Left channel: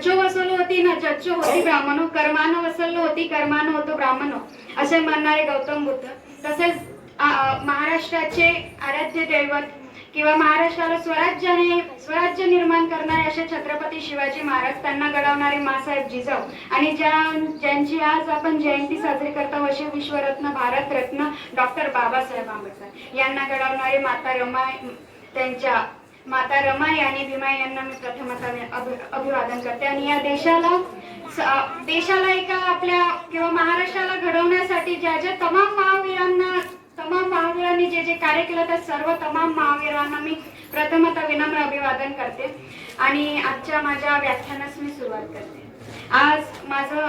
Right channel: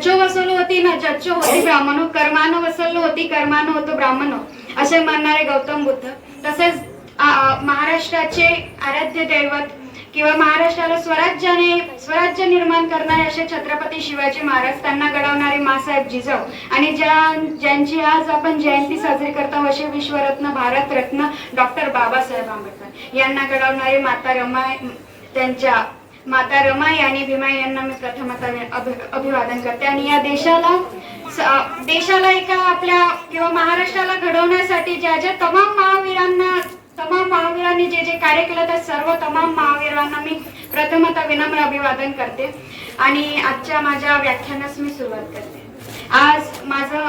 जज्जो वसवलो होती ना जज्जो होती ब्राह्मणो, कर्मानं वसवलो होती कर्मानं होतो ब्राह्मणो, असे म्हणणारे गौतम बुद्ध. तसेच महाराष्ट्राचे आराध्य दैवत किंवा महाराष्ट्राला स्वराज्य निर्माण करणारे असे छत्रपती शिवाजी महाराज, त्यांना घडवणारे मासाहेब जिजाऊ आणि ज्यांची आज आपण जयंती साजरी करतो असे विश्वरत्न भारतरत्न डॉक्टर बाबासाहेब आंबेडकर यांना घडवणारे माता रमाई, त्यांच्या माता रमाई आणि भीमाई यांना मी प्रथमतः अभिवादन करते. आणि या देशाला एका आपल्या किंवा महाराष्ट्राला घडवण्यासाठी ज्या ज्या तमाम महावीरांनी जे जे कार्य केलं त्या सर्व तमाम महावीरांना मी प्रथमतः विनम्र अभिवादन करते. आणि आजच्या माझ्या व्याख्यानास मी सुरुवात करते. आज माझं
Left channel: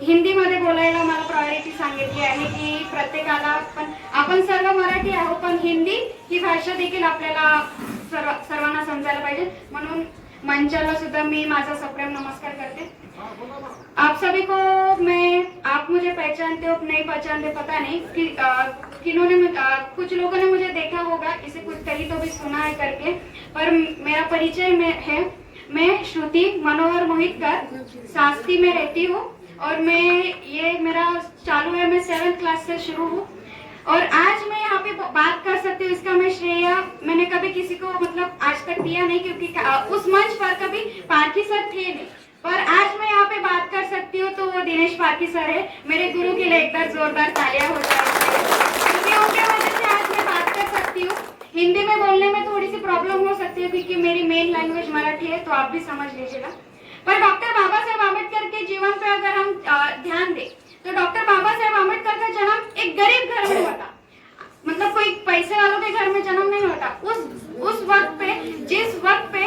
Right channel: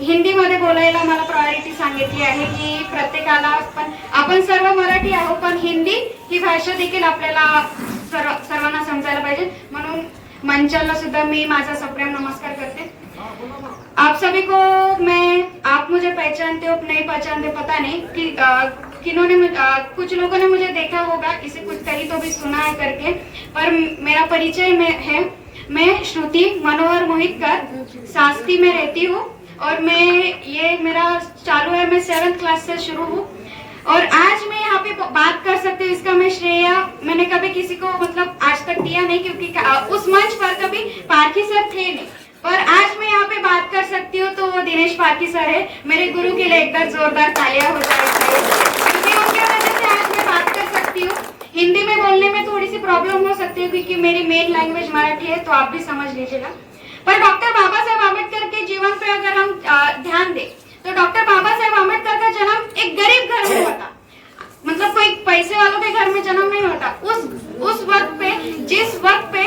हिंदीमध्ये बोलायला मला प्रायोरिटी सांगितली आहे की प्रत्येकाला आपण सर्व मराठी आहोत, पण हिंदी ही भाषा देखील आपल्याला सर्वांना समजायला पाहिजे. म्हणून मंचाला सुद्धा मी माझा सप्रेम नमस्कार करते. आप सभी को आप मुझे पहचानते हो नहीं पहचानते पता नहीं कि कुछ लोगों ने मुझे देखा होगा, इसे कुछ कहीं तो भी सुना है करके, पर मेरा परिचय है, मैं श्रुति मनोहर मोहितकर शास्त्री में रहती हूँ और ये मेरा चालू है, मैं 7th क्लास से शुरू हूँ और आज मैं यहाँ पे बात कर सकती हूँ. इसका मैं श्रेय मैंने कभी किसी को मतलब आज तक दिया नहीं, क्योंकि उस मंच पर कभी पारखी सर थे नहीं, पर आज मैं यहाँ पे बात कर सकती हूँ तो वो दिनेश पारखी सर है. मेरे गुरु के लिए एक बार जोरदार तालियां हो जाए, क्योंकि उनके वजह से आज मैं बात कर सकती हूँ. हिंदी में बोलने में थोड़ी सी प्रॉब्लम हो सकती है क्योंकि मेरी मेन लैंग्वेज मराठी है, तो आप भी समझ लीजिएगा. पर डॉक्टर बाबा साहेब आम्बेडकर के जीवन पे अगर हम ध्यान दें तो डॉक्टर बाबा साहेब आम्बेडकर का जन्म एक गरीब घर में होता, मतलब कोई पैसे वालों के घर में जन्म नहीं होता. उस वक्त पे जिस वक्त पे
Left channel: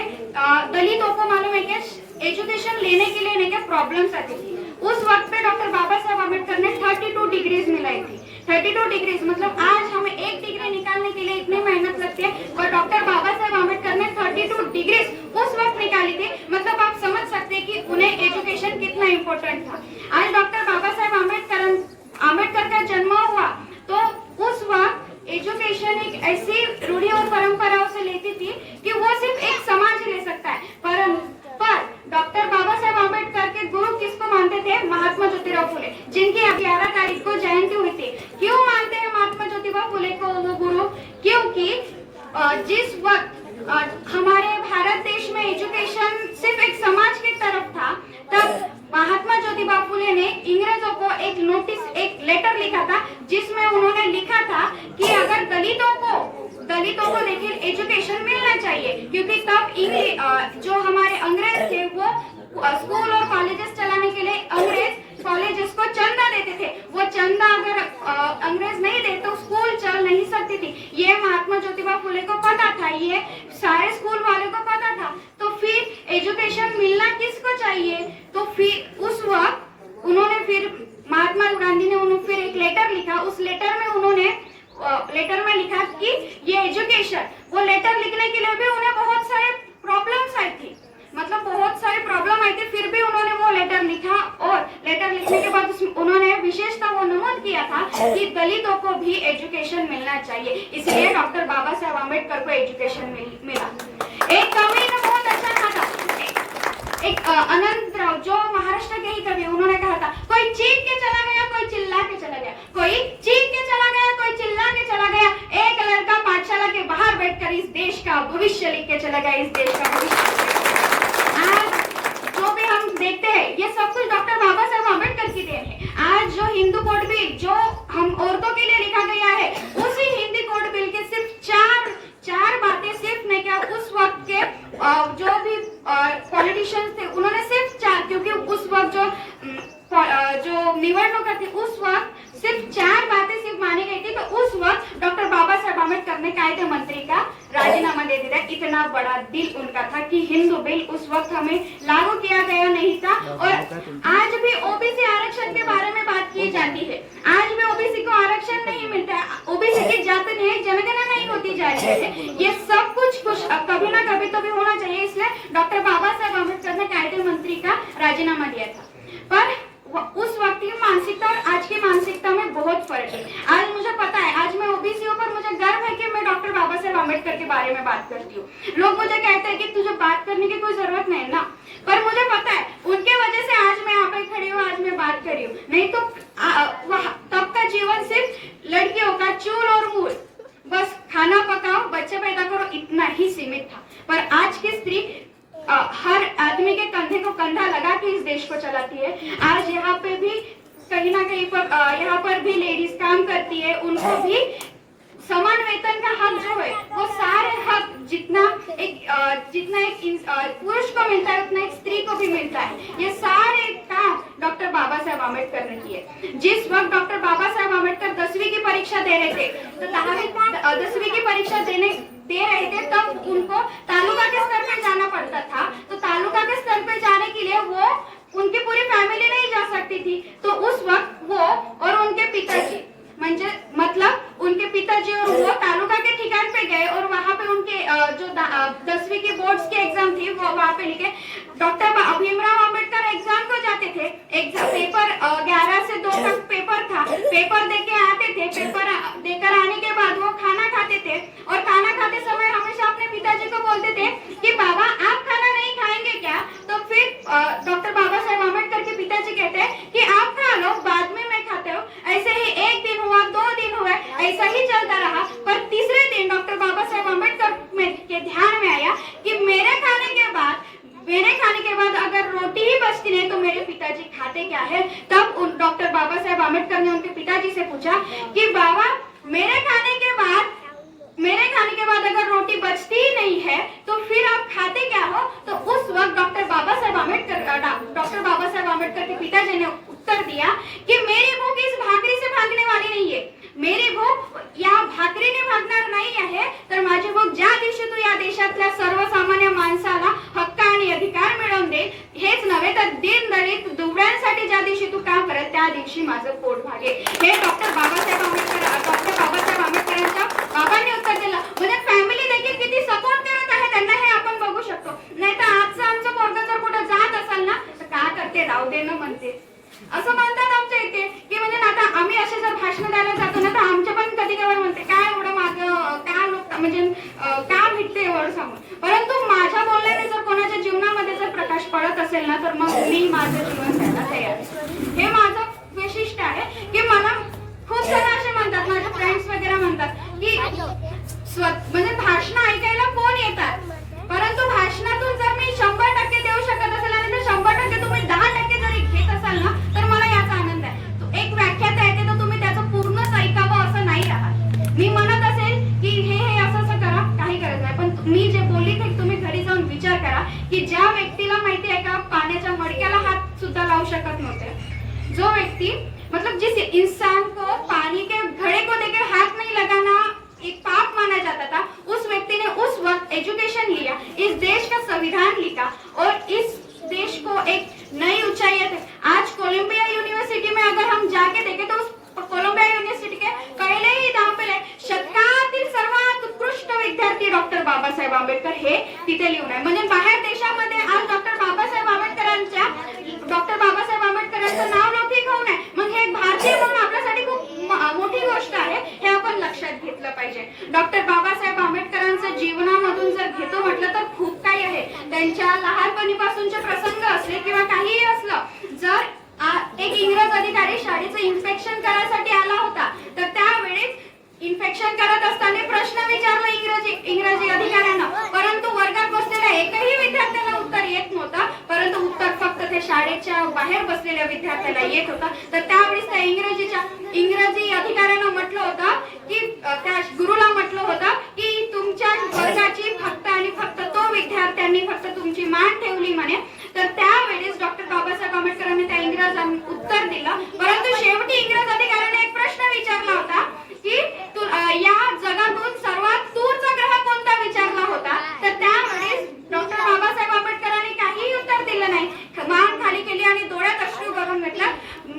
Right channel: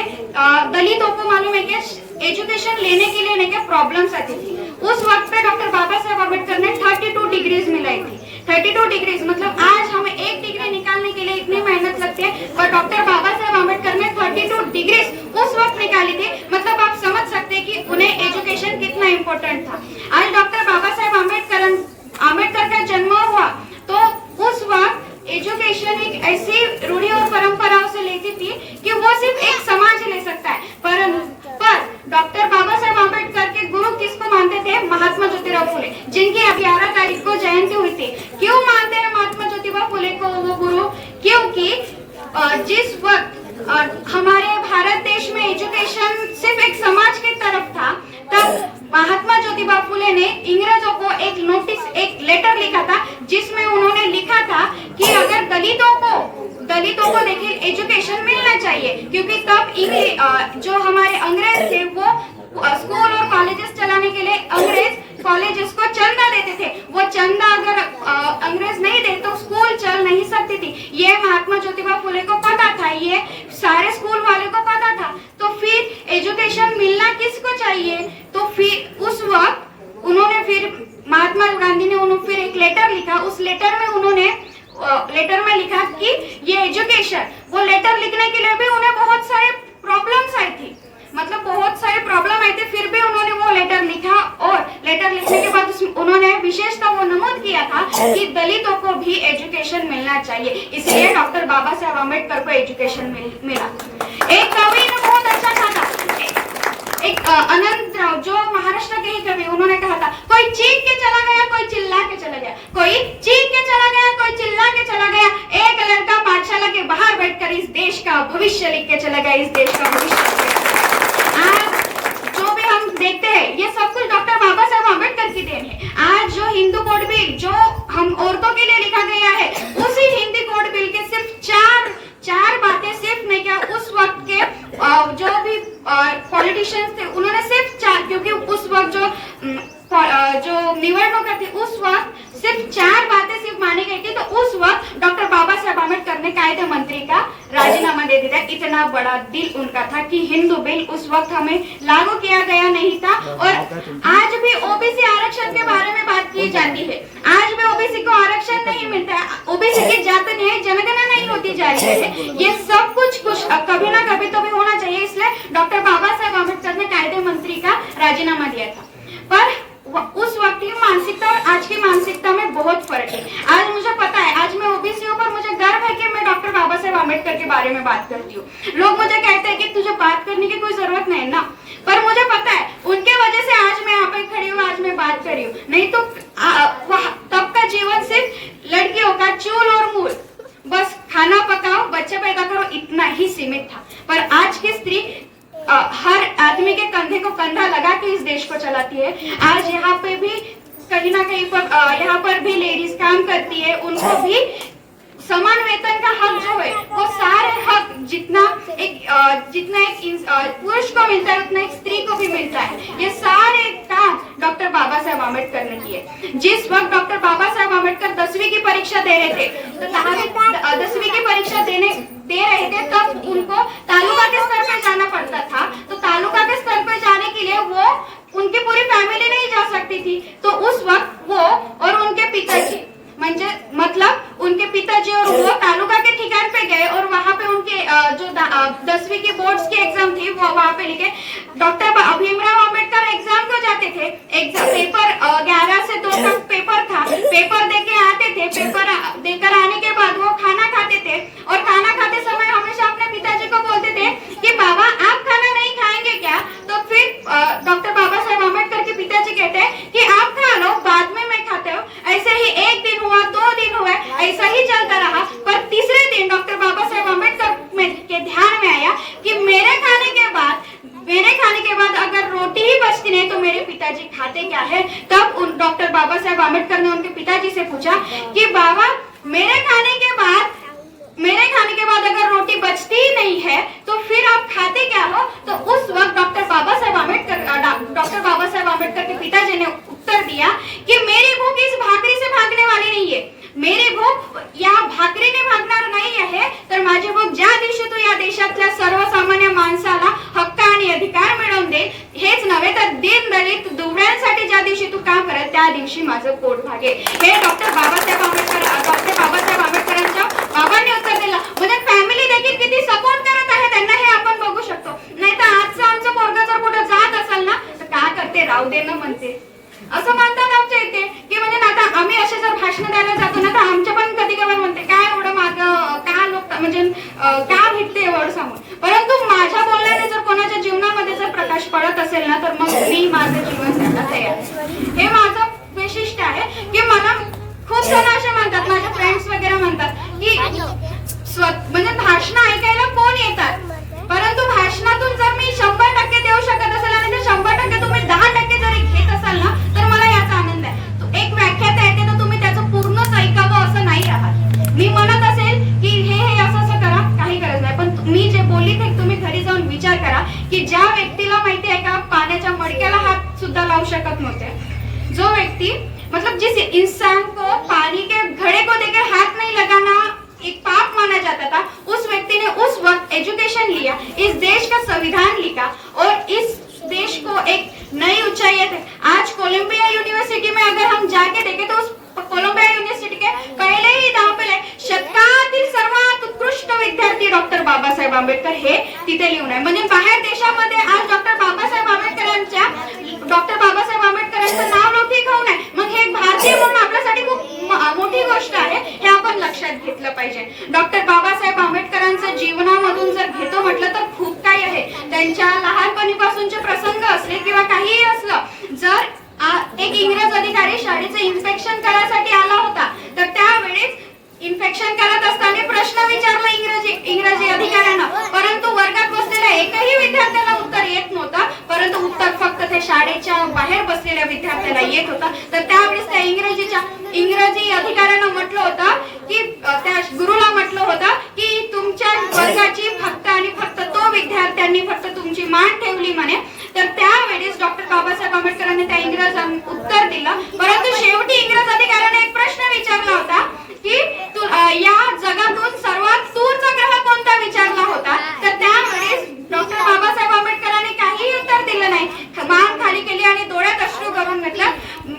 दलितों को मालूम है कि एजुकेशन लेने के लिए नहीं क्या प्रॉब्लम्स आती थी, उस वक्त पे डॉक्टर बाबा साहेब आम्बेडकर ने 32 डिग्रीज मिलाई थी. 32 डिग्रीज मतलब आज हमें एक डिग्री निकालने के लिए इतनी मेहनत लगती है, पर डॉक्टर बाबा साहेब आम्बेडकर ने 32 डिग्रीज उस वक्त निकाली थी. मतलब आप समझ सकते हैं कि उन्हें एजुकेशन कितना इम्पोर्टेंट था. आज डॉक्टर बाबा साहेब आम्बेडकर का जन्म हुआ तो उस वक्त एजुकेशन एक ऐसी रूढ़ी और परंपराओं से लेती थी कि वो सिर्फ एक समाज ले सकता है, पर डॉक्टर बाबा साहेब आम्बेडकर के गुरु किसको मानते थे? महात्मा ज्योतिराव फुले, जिनकी 11 तारीख को जयंती हुई थी. क्यों मानते हैं महात्मा ज्योतिबा फुले को वो गुरु? क्योंकि जिस वक्त हमारे भारत देश में एजुकेशन सिर्फ एक समाज की तरफ था, तब महात्मा ज्योतिबा फुले ने अंग्रेजों को एक लेटर लिखा था, जिसमें उन्होंने लिखा था कि अगर दलितों को देखिए एजुकेशन मिलना चाहिए, क्योंकि तब जो हमारे अंग्रेज थे वो स्कूल और कॉलेजेस चलाने के लिए अंग्रेज कॉलेजेस को चंदा देते थे. वो चंदा अगर अंग्रेज नहीं दे तो स्कूल चल नहीं सकती थी. ये महात्मा ज्योतिबा फुले को पता था, ये सारे स्कूल वालों को पता था. तो फिर एजुकेशन मिलना किसको चाहिए? तो फिर उस वक्त उन्होंने फिर महात्मा गांधी ने फिर एक लेटर लिखा. उस लेटर में उन्होंने लिखा कि ये एजुकेशन, वो लेटर लिखने के लिए भी उन्हें बहुत सारे प्रॉब्लम्स आई थी, मतलब बहुत सारे प्रॉब्लम आए थे, फिर भी उन्होंने वो लेटर लिखा. और लेटर लिखने के बाद उन्होंने विशेषतः वो नमूद किया था कि दलितों को भी एजुकेशन मिलना चाहिए, इसलिए डॉक्टर बाबा साहेब आम्बेडकर को एजुकेशन मिला. एक कवि ने बहुत अच्छा कहा था, एक अनंत राव जो महाराष्ट्र के ही कवि, उन्होंने कहा था, कोई चीख के चला गया, कोई चिल्ला के चला गया, कोई चीख के चला गया, कोई चिल्ला के चला गया, एक लड़का पाठशाला के बाहर बैठकर इस देश का भविष्य लिख के चला गया, इस देश का भविष्य. आज जो भी हम देखते हैं ये सब कुछ डॉक्टर बाबा साहेब आम्बेडकर की देन है. आज जो हिंदू कोड बिल जो हम औरतों के लिए लिखा गया है, उसी हिंदी कोड बिल के सिर्फ चार बातें, सिर्फ नहीं क्या उस वक्त के जो भी पॉलिटिशियंस थे उन्होंने सिर्फ 4, क्योंकि उस वक्त जो निवडणुका थी उस वक्त सिर्फ 4 बातें सिर्फ मानी गई थी. तो उस वक्त डॉक्टर बाबा साहेब आम्बेडकर ने कायदे मंत्री का राजीनामा दे दिया. इतना बड़ा दिल उनका था कि हिंदू बिल उस वक्त हमें लागू किया गया नहीं था. और आज भी ओबीसी आरक्षण के बारे में बात की जाती है. आज भी ओबीसी को आरक्षण नहीं मिलता, ओबीसी की जाति न्याय जनगणना नहीं होती जा रही है. ये सब कुछ कभी ना कभी तो भी होना चाहिए, इसलिए डॉक्टर बाबा साहेब आम्बेडकर ने कायदे मंत्री का राजीनामा दिया था. पर उस वक्त की मानसिकता और आज की मानसिकता में बहुत फर्क है. आज मुझे पता है, आज मैं ओबीसी हूँ, पर मुझे गर्व है कि मैं डॉक्टर बाबा साहेब आम्बेडकर के बारे में बात करती हूँ. लोग मुझे कहते हैं कि तुझे बात करने की कोई जरूरत नहीं ना, पर मुझे पता है फंदा लगा के इस देश को चलाती है। आज यहाँ पे भी कहीं ना कहीं पर यहाँ पर भी लेडीज काम करती है, उनको भी समान वेतन का हक जो है वो सारे हक जितना एक पुरुष को मिलता है उतना एक स्त्री को भी मिलता है। ये सारे काम डॉक्टर बाबा साहेब आम्बेडकर ने किए। जिस वक्त डॉक्टर बाबा साहेब आम्बेडकर 10वीं की परीक्षा दे रहे थे, तो 10वीं की परीक्षा दे रहे थे, तब उनको तालुका के स्तर पे जाना पड़ता था। तो तालुका के स्तर पे जाने के लिए वो उनकी पूरी फैमिली नहीं जा सकती थी। तो उस वक्त वो और उनके पिताजी मतलब उनके पिताजी और वो तालुका के ठिकान पे गए और वहां पे उनके जो 10वीं की बोर्ड्स की एग्जाम थी वो वहां पे लिखे। डॉक्टर भीमराव अंबेडकर एग्जाम को जाते थे, एग्जाम पेपर 11 से 2 का पेपर था, पेपर देके आते थे, पेपर देकर आने के बाद वो खाना खाते थे और खाना खाते समय हमेशा अपने पिताजी को बोलते थे कि बाबा आप खाना नहीं खाएंगे क्या? तो फिर डॉक्टर बाबा साहेब आम्बेडकर के पिताजी कहते हैं कि आप खा लो, बाद में मैं खाते हो। ऐसे ही 1 दिन हुआ, 2 दिन हुआ, ऐसा ही चलता रहा। पर तीसरे दिन डॉक्टर बाबा साहेब आम्बेडकर के ध्यान में आया कि मेरे खाने के बाद अगर रोटी ही बचती नहीं तो मेरे पिताजी खाते क्या है। तब डॉक्टर बाबा साहेब आम्बेडकर ने उनके पिताजी से पूछा कि बाबा मेरे खाने के बाद अगर रोटी बचती ही नहीं है तो फिर आप खाते क्या हो? तो उस वक्त डॉक्टर बाबा साहेब आम्बेडकर के पिताजी ने उत्तर दिया कि मेरी भूख इस भाकरी से भागने वाली नाही आहे, मेरी भूक या भाकरीने भागणार नाही आहे, तर माझी भूक ज्या दिवशी तू या देशातल्या सर्वसामान्य माणसाला हक्क आणि अधिकार मिळवून दे, हेच नव्हे तर दीन दलित दुबळ्यांसाठी ज्या दिवशी तू काम करत त्या दिवशी माझं पोट भागेल। हे डॉक्टर बाबासाहेब आंबेडकरांच्या बाबांनी उत्तर दिलं। म्हणजे फॅमिली देखील किती सपोर्ट करत आहे त्यांना हे आपण बघू शकतो। नाहीतर आजचं आमचं पोरगा जर कुठे जात असेल ना तर का करते राहू दे ना म्हणते, असं म्हणतात आमच्या इथे की म्हणजे आता आम्ही असे जर भाषण द्यायला जातो ना तर आमच्या पण कधी कधी म्हणते काय एवढं मागं का लोक म्हणजे का भेटते एवढं सांगून। परंतु माझ्या बोलण्याने जर कोणाच्या जीवनामध्ये जर प्रकाश पडत असेल ना तर मग मी माझं जीवन द्यायला तयार आहे। हे माझं वैशिष्ट्य आहे की मला खूप जण असे म्हणतात, माझे फ्रेंड्स वगैरे म्हणतात की म्हणजे भाषण ऐकायला कोण येतात, परंतु भाषणातून जर मी 100% देऊ शकत असेल आणि ते 100% तुम्ही 10% जरी घेत असाल ना तर मला याचा आनंद आहे। तो एक व्याख्याता येते तर तुम्ही त्याचं पूर्णच ऐकावं असं नाही राहत। मी म्हणत असेल की हे असं करा, काही गरज नाही, पण मी जे बोलली ते तुम्ही घरी जाऊन विचार करा की ज्या व्यक्तीला माहिती आहे का पाण्याच्या मडक्याला हात सुद्धा लावू शकत नव्हते, जो व्यक्ती मतलब जिस इंसान को पानी के घड़े को देकर हाथ नहीं लगाना एक पाप माना जाता था, उस व्यक्ति ने उस वक्त एजुकेशन लिया, इस देश का संविधान लिखा और इस देश को एक नई ऊंचाई तक। आज कोलंबिया यूनिवर्सिटी में अगर हम जाके देखें तो उस कोलंबिया यूनिवर्सिटी के पहले ही नाव पे शतकातील सर्वात उत्कृष्ट विद्यार्थी डॉक्टर बाबासाहेब आंबेडकर हे तिथे लिहून आहे। म्हणजे बाहेर देशामध्ये आज डॉक्टर बाबासाहेब आंबेडकरांचं नाव लौकिक होऊन आहे, मग हे भारतीय म्हणून आपल्यासाठी खूप मोठी गोष्ट आहे, हे आपण लक्षात घेतलं पाहिजे। डॉक्टर बाबासाहेब आंबेडकरांचं जीवनामधून जर घेतो म्हटलं तर खूप काही आहे। त्यांच्या लहानपणीपासूनचे प्रसंग असले किंवा काहीही असलं, जर एक इंग्रज अधिकारी शाळेचं इन्स्पेक्शन करायसाठी आला होता तर त्यावेळेस इन्फेक्शन करत असताना प्रश्न विचारला इंग्रजी अधिकाऱ्यांना, परंतु वर्गात बसलेल्या एकही विद्यार्थ्याला उत्तर येत नव्हतं, परंतु उत्तर फक्त त्या शाळेच्या बाहेर बसलेल्या विद्यार्थ्याला येत होता। तर त्यावेळेस त्या इंग्रजी अधिकाऱ्यानं म्हटलं होतं की त्या गुरुला म्हटलं होतं की तुमच्या वर्गाची फक्त आणि फक्त तो विद्यार्थ्यांनी फक्त तुमची मान ठेवली म्हणे। तर त्यावेळेस डॉक्टर बाबासाहेब आंबेडकरांनी त्या इंग्रजांना उत्तर दिलं, परंतु शेवटी इंग्रज अधिकाऱ्याने एक प्रश्न विचारला होता की या जगातून सर्वात दूरचा ग्रह कोणता विचारला होता। तर त्यावेळेस डॉक्टर बाबासाहेब आंबेडकरांनी काही उत्तर दिलं नाही, मान खाली केली आणि डोळ्यात अश्रू भरून घेतलं,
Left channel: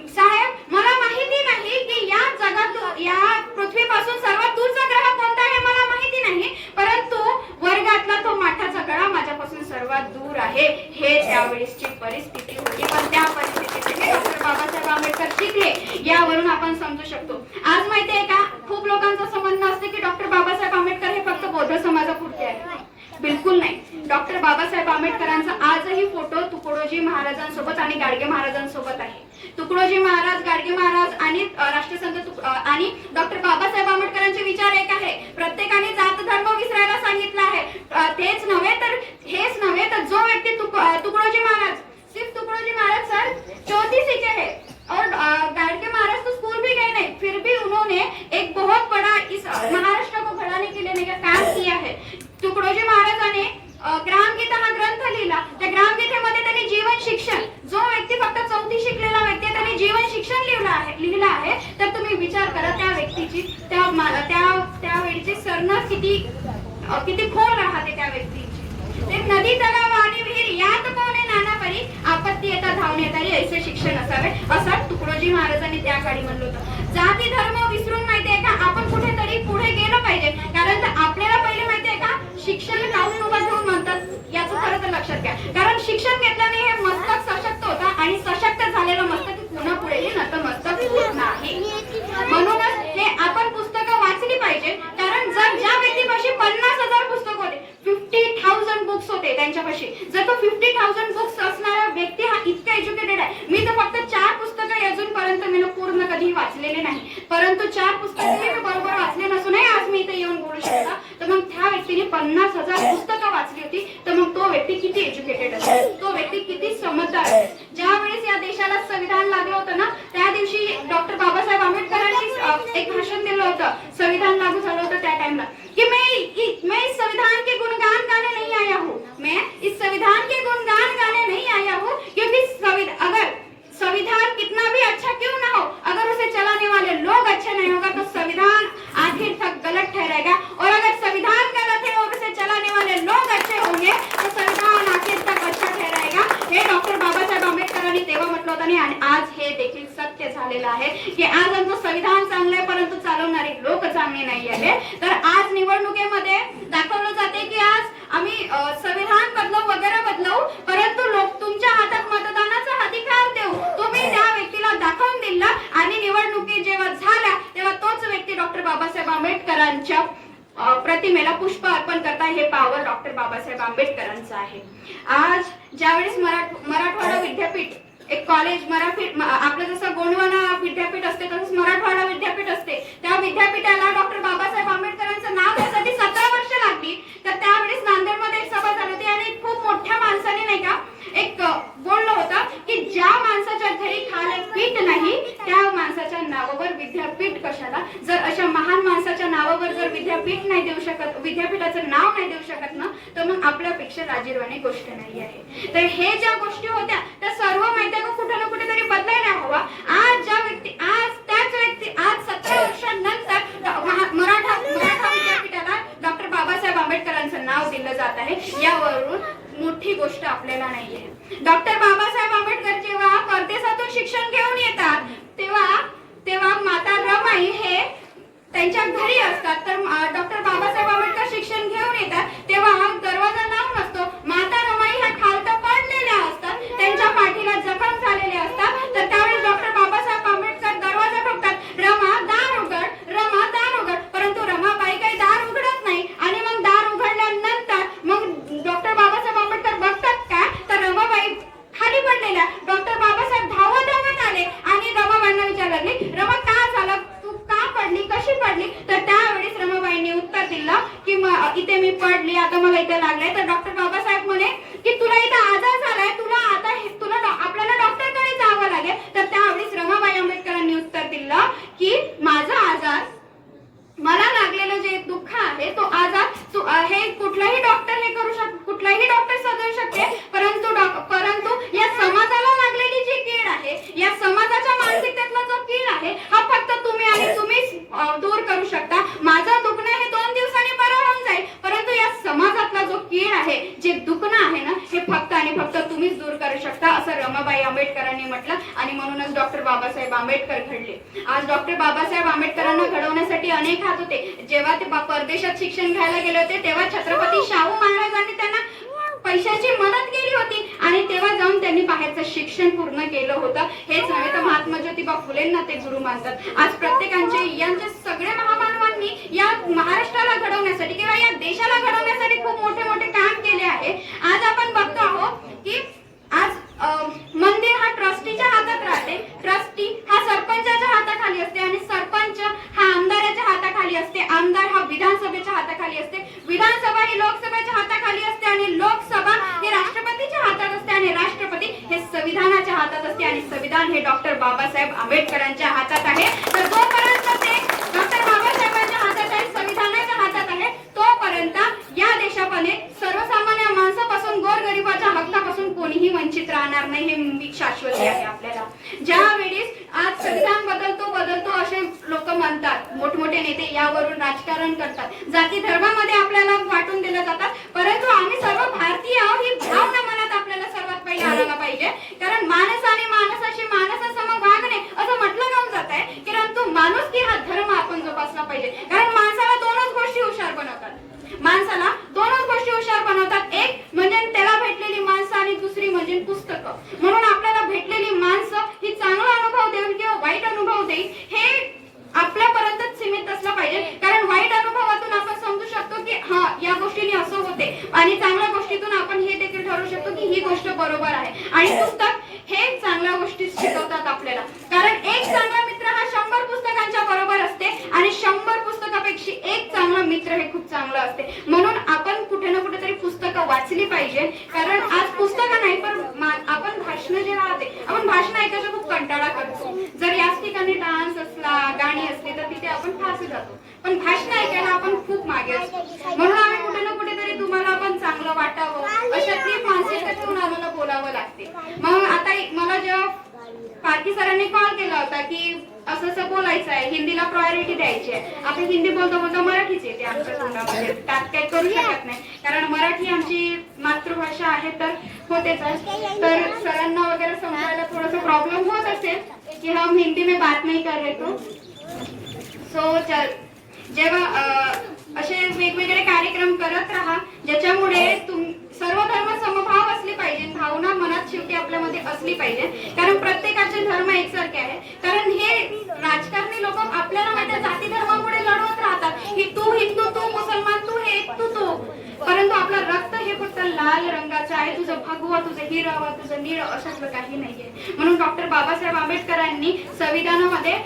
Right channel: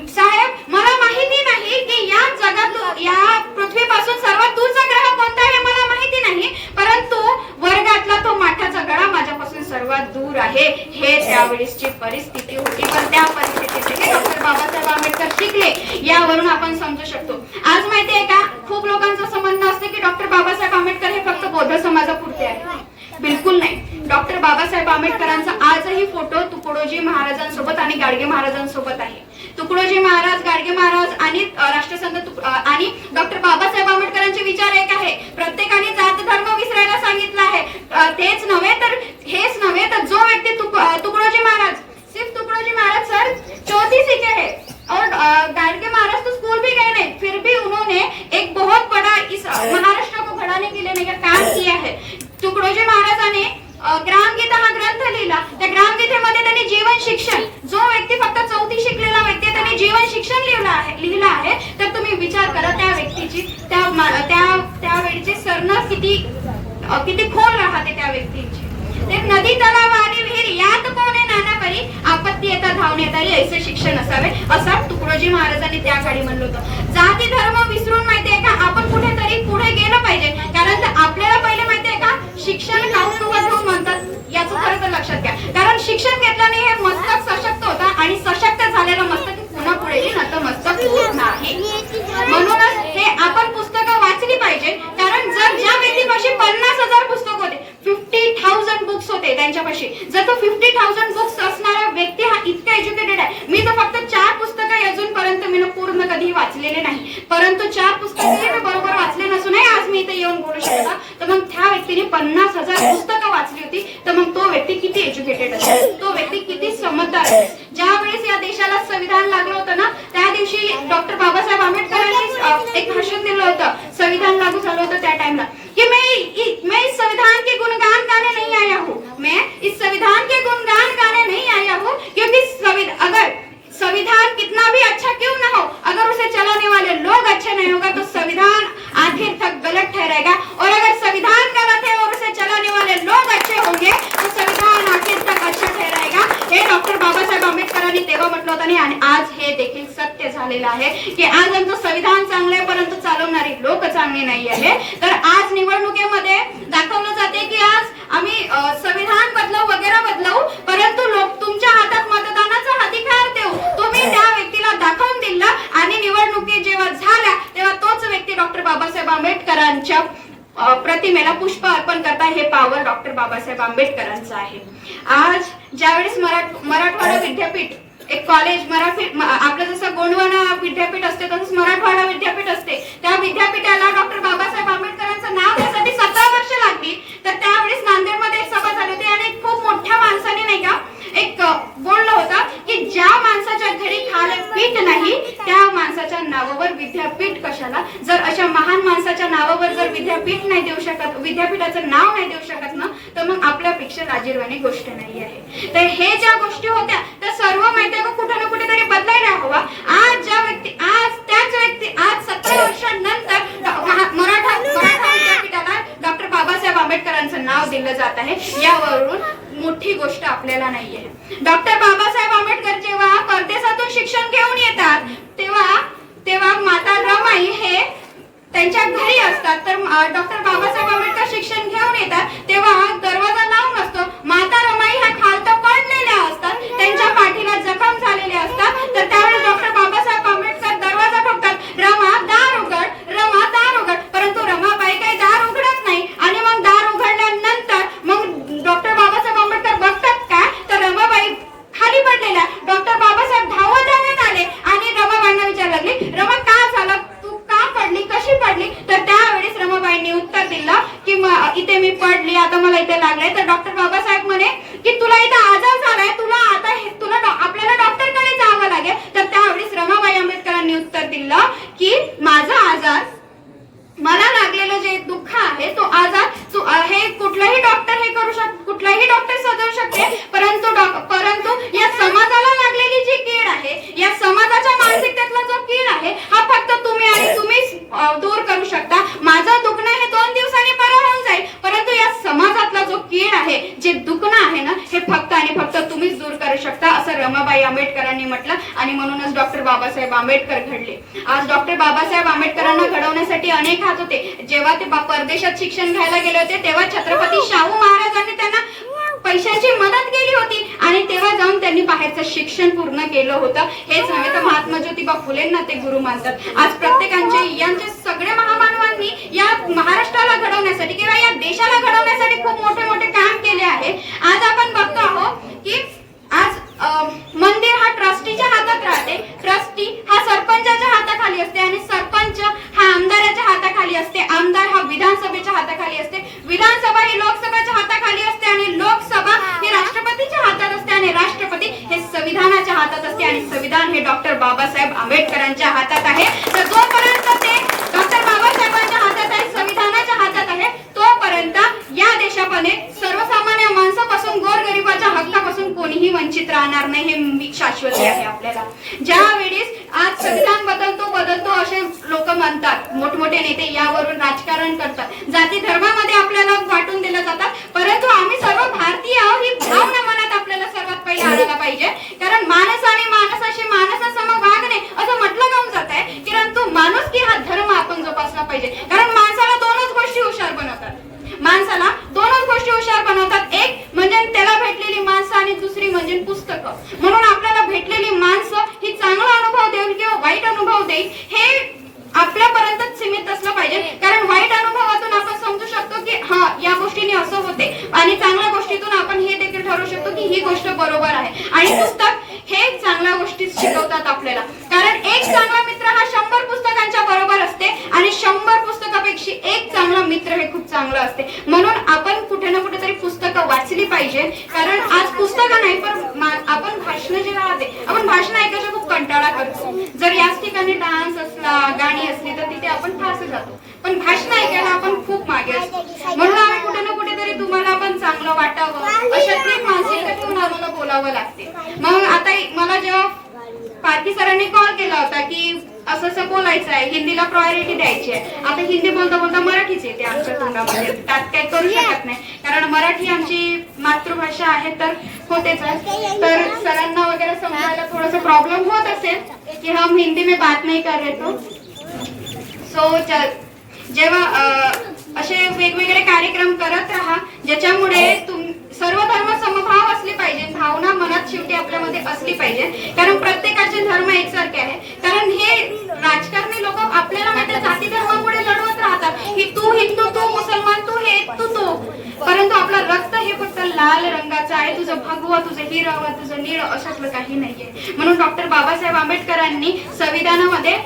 साहेब मला माहिती नाही की या जगात या पृथ्वीपासून सर्वात दूरचा ग्रह कोणता आहे मला माहिती नाही, परंतु वर्गातला तो माठाचा गळा माझ्यापासून सर्वात दूर आहे। हे त्यावेळेसची परिस्थिती होती, पण त्या परिस्थितीने डॉक्टर बाबासाहेब आंबेडकर शिकले यावरून आपण समजू शकतो। आज माहिती आहे का खूप लोकांचं असं म्हणणं असते की डॉक्टर बाबासाहेब आंबेडकर हे फक्त बौद्ध समाजापुरते आहे, बिलकुल नाही। डॉक्टर बाबासाहेब आंबेडकरांचा आजही फोटो तुकडोजी महाराजांसोबत आणि गाडगे महाराजांसोबत आहे। तुकडोजी महाराज, गाडगे महाराज आणि राष्ट्रसंत आणि डॉक्टर बाबासाहेब आंबेडकरांचे विचार एक आहे, प्रत्येकाने जात धर्म विसरायला सांगितलं आहे। हेच नव्हे तर जो व्यक्ती तुकडोजी महाराज सिर्फ विचार करा त्या व्यक्तीची, त्या वेळची सरणार किती खोल राहते त्या व्यक्तीची. एक नदी तलाव आणि विहीर यात कोणे नाना करी, आपत्ती येता धावून येतारी ऐसे शिक्षण असावे, असं तुकडोजी महाराजांनी त्या काळी म्हणलं होतं. जाती धर्म विसरून माहितीये का आपण कुठेतरी पुढे गेलं पाहिजे, कारण आपल्याला पहिले माहितीये का शिक्षण काउंट म्हणतात याचं खरं तर लक्षात घ्या. कारण शिक्षण घेतल्याने हे मस्तक सशक्त होतं आणि सशक्त झालेलं मस्तक पुन्हा पुढे नतमस्तक होत नाही. म्हणूनच हे आपण पुस्तकं वाचली पाहिजे. कारण जर ज्या व्यक्तीपाशी 50,000 पुस्तक होते, 50,000 बुक्स होते त्यांच्यापाशी, जर तो 50,000 बुक्स असणारा व्यक्ती हा इतका एज्युकेटेड आहे. मी तर फक्त 4 पुस्तकं अजूनपर्यंत मी पूर्ण कधी वाचलेले नाही, परंतु 4 पुस्तकं मी बरोबर वाचले नसूनही आज मी इथे येऊन बोलू शकता. तर मग त्या व्यक्तीने 50,000 पुस्तकं वाचली होती, तर मग तो व्यक्ती किती एज्युकेटेड असेल, तो व्यक्ती किती समजदार असेल. ज्या वेळेस या देशाला संविधान लागलं होतं ना, त्या दिवशी डॉक्टर बाबासाहेब आंबेडकरांनी एक भाषण दिलं होतं. संविधान लागू झालं होतं त्या टाइमला की मैं इस संविधान के गुणगान गाने नहीं आया हूँ, मैं इस संविधान के गुणगान गाने नहीं आया हूँ, क्योंकि अगर संविधान कितना भी अच्छा क्यों ना हो, अगर उसे चलाने वाले लोग अच्छे नहीं होगा तो संविधान आखिर तक गलत ठहरेगा. और अगर संविधान गलत है और उसे चलाने वाले लोग अच्छे होंगे तो संविधान आखिर तक अच्छा ठहरेगा. हे डॉक्टर बाबासाहेब आंबेडकरांनी तेव्हा म्हटलं होतं आणि आज हे देखील सत्य झालेलं आहे की आज आमचं संविधान चांगलं आहे परंतु चालवणारी लोक चांगली नाही आहे. तर आज निवडणुकीमध्ये दाखवलं जाते की आज आम्ही संविधान बदलवू वगैरे बदलवू, परंतु लोक तुमच्या हातात मतदानाचा अधिकार देऊ. तुम्ही त्या व्यक्तीला दाखवून दिला आणि निवडणुकी जेव्हा झाल्या तेव्हा तोच व्यक्ती डॉक्टर बाबासाहेब आंबेडकरांच्या प्रतिमेला पुष्प अर्पण करता. हे पावर डॉक्टर बाबासाहेब आंबेडकरांचं आहे. आज ज्यावेळेस मराठवाडा विद्यापीठ एक कॉलेज आपलं जसं गोंडवाना विद्यापीठ असते तसंच मराठवाडा विद्यापीठ असते, त्या विद्यापीठाला डॉक्टर बाबासाहेब आंबेडकरांचं नाव त्यासाठी 17 वर्ष लागली. तर त्यावेळेस नांदेडमध्ये एक सभा झाली होती आणि खूप मोठ्या माणसाने नाही का एक बोललं होतं की ज्या माणसाच्या घरी खायला पीठ नाही त्या माणसाच्या नावावर विद्यापीठ कशाला. जर अशा महान माणसाच्या नावावर जर विद्यापीठ नाही देऊ शकत, विद्यापीठाचं नाव नाही देऊ शकत ना, तर मग आपल्यापेक्षा लाजिरवाणी गोष्ट नाही आहे. तर हे ज्या गोष्टी होत्या त्या सर्व माहिती कुठे ना कुठेतरी बदलायला हवा. आज त्याच व्यक्ती आज 17 वर्षांनंतर मराठा विद्यापीठाला डॉक्टर बाबासाहेब आंबेडकरांचं नाव दिलं जात आहे. यावरून मोठी गोष्ट आपल्याला नाहीये. डॉक्टर बाबासाहेब आंबेडकर जेव्हा परदेशातून शिक्षण घेऊन येतात तेव्हा माता रमाई हे त्यांच्या घरी असतात. तर डॉक्टर बाबासाहेब आंबेडकर शिक्षण घेऊन येतात तेव्हा दरवाजा लावून असतो. माता रमाई ह्या खालत पडलेल्या असतात, त्यांच्या पाठीला जखम झालेल्या असतात. तर त्यावेळेस डॉक्टर बाबासाहेब आंबेडकर दरवाजा ठोकतात, रमा दार उघड, रमा दार उघड. परंतु रमाबाई काही दार उघडत नाही आणि मग दार उघडल्यानंतर मग डॉक्टर बाबासाहेब आंबेडकर बघतात काय तर रमाबाई खाली पडलेल्या. डॉक्टर बाबासाहेब धावत आले आणि रमाबाईंना विचारलं लागली, रमा का झालं, तू का पडली, कशी पडली. तर त्यावेळेस रमाबाईंनी उत्तर दिलं की इथे मी पडली, आता मला इथे लागलंय. तर डॉक्टर बाबासाहेब म्हणे की तुला इथे आजार झालाय, तुला आपल्याला डॉक्टरकडे जावं लागेल. तर त्यावेळेस रमाबाई आंबेडकरांनी उत्तर दिलं की माझा आजार, मला लागलेलं जे दुःख आहे तो आजार हे कुठलाही डॉक्टर हे करू शकतो, कुठलाही डॉक्टर सदवू शकते, परंतु या समाजाला लागलेली जी कीड आहे, या समाजाच्या मानसिकतेतला जो कीड आहे हा फक्त तुम्हीच दूर करू शकता. माझं दुखणं हे 2 दिवसांनी बरं होऊन जाईल, परंतु या समाजातला जो कीड आहे, जे दुखणं आहे ना, हे फक्त आणि फक्त तुम्हीच दूर करू शकता असं रमाबाई आंबेडकरांनी म्हटलं. आणि म्हणूनच डॉक्टर बाबासाहेब आंबेडकर घडले. आज डॉक्टर बाबासाहेब आंबेडकरांना घडवण्यासाठी अनेक हात होते. जेव्हा ते परदेशात शिक्षण घ्यायला गेले होते तेव्हा छत्रपती शाहू महाराजांनी त्यांना पैशांची मदत केली होती आणि तेव्हा जाऊन त्यांनी बाहेरचं शिक्षण पूर्ण केलं होतं. हेच नव्हे तर महात्मा ज्योतिबा फुलेंना ते गुरु मानतात. आज यांचे सगळे महामानवांनी या महाराष्ट्राला घडवण्यासाठी किंवा या देशाला घडवण्यासाठी खूप मोठे काम केले आहे. आज आपण बघतो आहोत की आज मंदिर हा ट्रस्टीच्या हातात राहते, ट्रस्टी हा सरपंचाच्या हाताखाली असते आणि सरपंच हा आमदाराच्या हाताखाली असते, आमदार हा विधानसभेच्या हाताखाली असते, विधानसभा ही लोकसभेच्या हाताखाली असते आणि लोकसभा ही राष्ट्रपतीच्या हातात असते आणि राष्ट्रपती हे संविधानाच्या हातात असते आणि संविधान हे डॉक्टर बाबासाहेब आंबेडकरांच्या हातात आहे. तर जोपर्यंत ते डॉक्टर बाबासाहेबांच्या हातात आहे, संविधानाच्या हातात आहे, तोपर्यंत या देशामध्ये सर्वसामान्य माणसापासून गोरगरिबाच्या हक्कापासून कोणीही वंचित निश्चित राहणार नाही, हे शाश्वत आहे आपल्याला. ज्या वेळेस आज संविधान बदलतो असे लोक म्हणतात, मोठमोठे नेते यावरून राजकारण करतात, जाती धर्मामध्ये आपल्याला वाटून दिलं जातात, परंतु आम्ही सर्व भारतीय आहोत ही भावना मनात आपल्याला सर्वात पहिले आणायला पाहिजे. कारण माणसाने माणसाशी माणसासम वागणे असं म्हटलं जाऊन जात आहे, परंतु माणुसकी हा धर्म आपण जोपासला पाहिजे. कारण माणसाला दोनच गोष्टी हुशार बनवतात, माणसाला दोनच गोष्टी हुशार बनवतात, एक म्हणजे त्याला भेटलेली माणसं आणि दुसरी म्हणजे पुस्तकं. म्हणून आपल्याला भेटलेली माणसं ही चांगला अनुभव देईल किंवा वाईट अनुभव देईल हे आपल्यापर्यंत सीमित असलं पाहिजे. कारण वाईट अनुभवातून आपण समजू शकतो की हा या गोष्टीने असं होते, आणि चांगल्या गोष्टीतून आपण हे देखील ठरवू शकतो की ही गोष्ट बरोबर आहे. आणि पुस्तक हे चांगल्या गोष्टी शिकवतात आपल्याला. कारण एक चांगला मित्र हा 100 पुस्तकांच्या बरोबर असते, आणि 100 पुस्तकापेक्षा एक चांगला मित्र हे खूप चांगलं असते. म्हणून आपण कुठे ना कुठेतरी पुस्तकं वाचली पाहिजे. कारण आज पुस्तकं नाही पण आपण भाषण जे राहते, आपण भाषण ऐकायचा खूप कंटाळा करतो. जर याच ठिकाणी डान्स असला, गाणी असली तर तिथे आपण फास जातो, पण भाषण ऐकायला आपण खूप मागे असतो. म्हणून आम्ही कुठे ना कुठेतरी तुम्हाला पण चांगलं वाटावं अशातली एक मानसिकता ठेवून आम्हाला बोलावं लागते. मग आता मला जेव्हा पारखी सरांनी कॉल केला होता की असं असं बोलायचं आहे, हिंदीला प्रायोरिटी द्यायची आहे. आता हिंदी बोलता बोलता मराठीच येते आमच्या तोंडामध्ये, त्यात काही करू शकत नाही, कारण मराठी आमची मातृभाषा आहे तर होतेच आहे. तर सरांना वगैरे समजायला थोडंसं प्रॉब्लेम होत असेल की हम हिंदी में बात नहीं कर रहे तो सो जेव्हा असे वेगवेगळे कार्यक्रम करत राहा ज्याच्यामुळे सर्व धर्म समभाव असली पाहिजे, भावना मनात शेवटी आपल्यामध्ये असली पाहिजे. कारण प्रत्येकाचे धर्म एकसारखे आहे. कारण हे राजकारणी लोक आपल्याला माहिती जाती धर्मामुळे लढवत राहतात की तू हिंदू, तू मुसलमान, तू हे, तू, परंतु आपलं रक्त हे फक्त लाल रंगाचं आहे. तुझं भगवा, तुझं हिरवा, तुझं निळ अशातलं काही नाहीये. म्हणून डॉक्टर बाबासाहेब आंबेडकरांनी संविधानामध्ये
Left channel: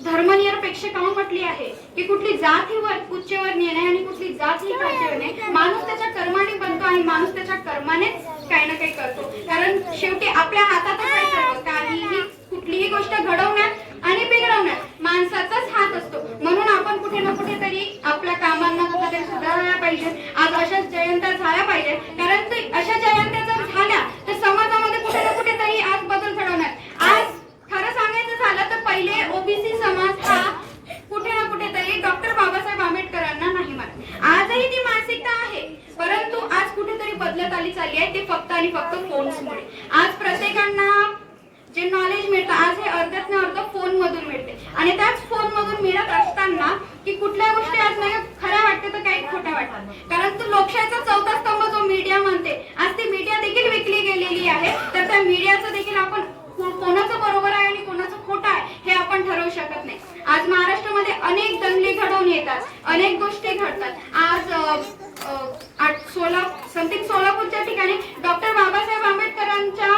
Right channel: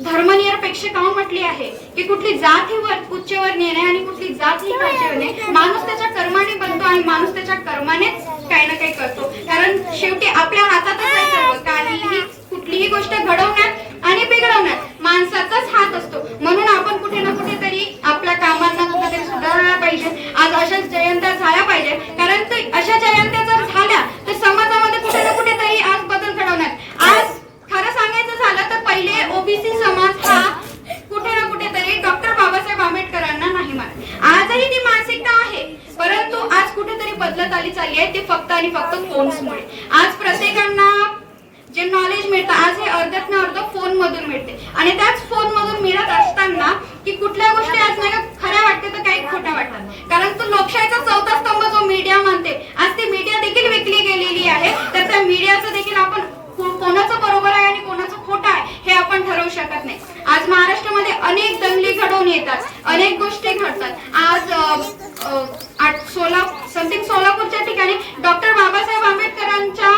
धर्मनिरपेक्ष काऊन म्हटली आहे की कुठली जात ही उच्चवर नेणे आणि कुठली जात ही खालचीवर नेणे. माणूस त्याच्या कर्माने बनतो आणि माणूस त्याच्या कर्मानेच काही ना काही करतो. कारण शेवटी आपल्या हातातच आहे सर्व, काहीही कुठलीही गोष्ट घडवण्यात आणि बिघडवण्यात माणसाचाच हात असतो. म्हणून आपण कुठे ना कुठेतरी आपल्या कामांना कुठेतरी सुधारायला पाहिजे. आज अशाच जयंत्या झाल्या पाहिजे. कारण अशा जयंत्या जर झाल्या तर समाजामध्ये कुठे ना कुठेतरी आज बदल घडवण्यात. आज खरं सांगायचं झालं तर पहिले ओबीसी समाज हा कुठे ना कुठेतरी डॉक्टर बाबासाहेब आंबेडकरांना नाही मानत. आजही ती मानसिकता आहे, परंतु आज कुठेतरी बदलत आली चालली आहे. ते फक्त आणि फक्त फोन्समुळे. आज प्रत्येकांना जे नॉलेज मिळतं आज हे अर्ध्यातनं अर्ध फोन मधून मिळते, आणि त्याच फोन मधून मिळत असताना की कुठल्या गोष्टी आज नाही खऱ्या वाटते तर काही खोट्या वाटतात. कारण तो लोकशाहीचा चौथा स्तंभ जो मीडिया म्हणते, आज ती मीडिया देखील विकली गेलेली आहे. तर त्या मीडियाचं देखील आपण कोणाचं बरोबर आहे आणि कोणाचं खोटं आहे हे आपण ठरवू शकत नाही. आज महाराष्ट्रामध्ये अनेक दंगली घडवून येतात, अनेक गोष्टी घडतात. आज सोलापूरच्या ठिकाणी डॉक्टर बाबासाहेब आंबेडकरांच्या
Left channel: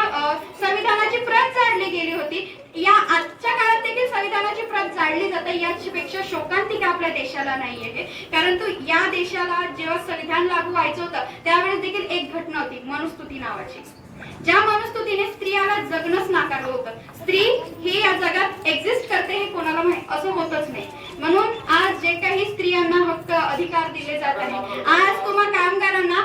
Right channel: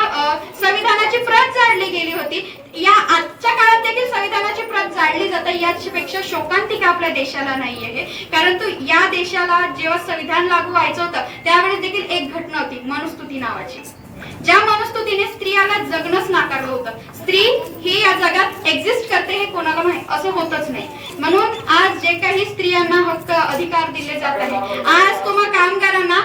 संविधानाची प्रत जाळली गेली होती. या आजच्या काळात देखील संविधानाची प्रत जाळली जाते. यापेक्षा शोकांतिका आपल्या देशाला नाही आहे. परंतु या देशाला जेव्हा संविधान लागू व्हायचं होतं त्यावेळेस देखील एक घटना होती, मनुस्मृती नावाची, ज्या मनुस्मृतीने स्त्रियाला जगणंच नाकारलं होतं. स्त्री ही या जगात एक्झिस्ट करते हे कोणाला माहित, असं होतच नाही. म्हणून आज जे काही स्त्रियांना हक्क अधिकार दिले जात आहे, आज तुम्हा कामगारांना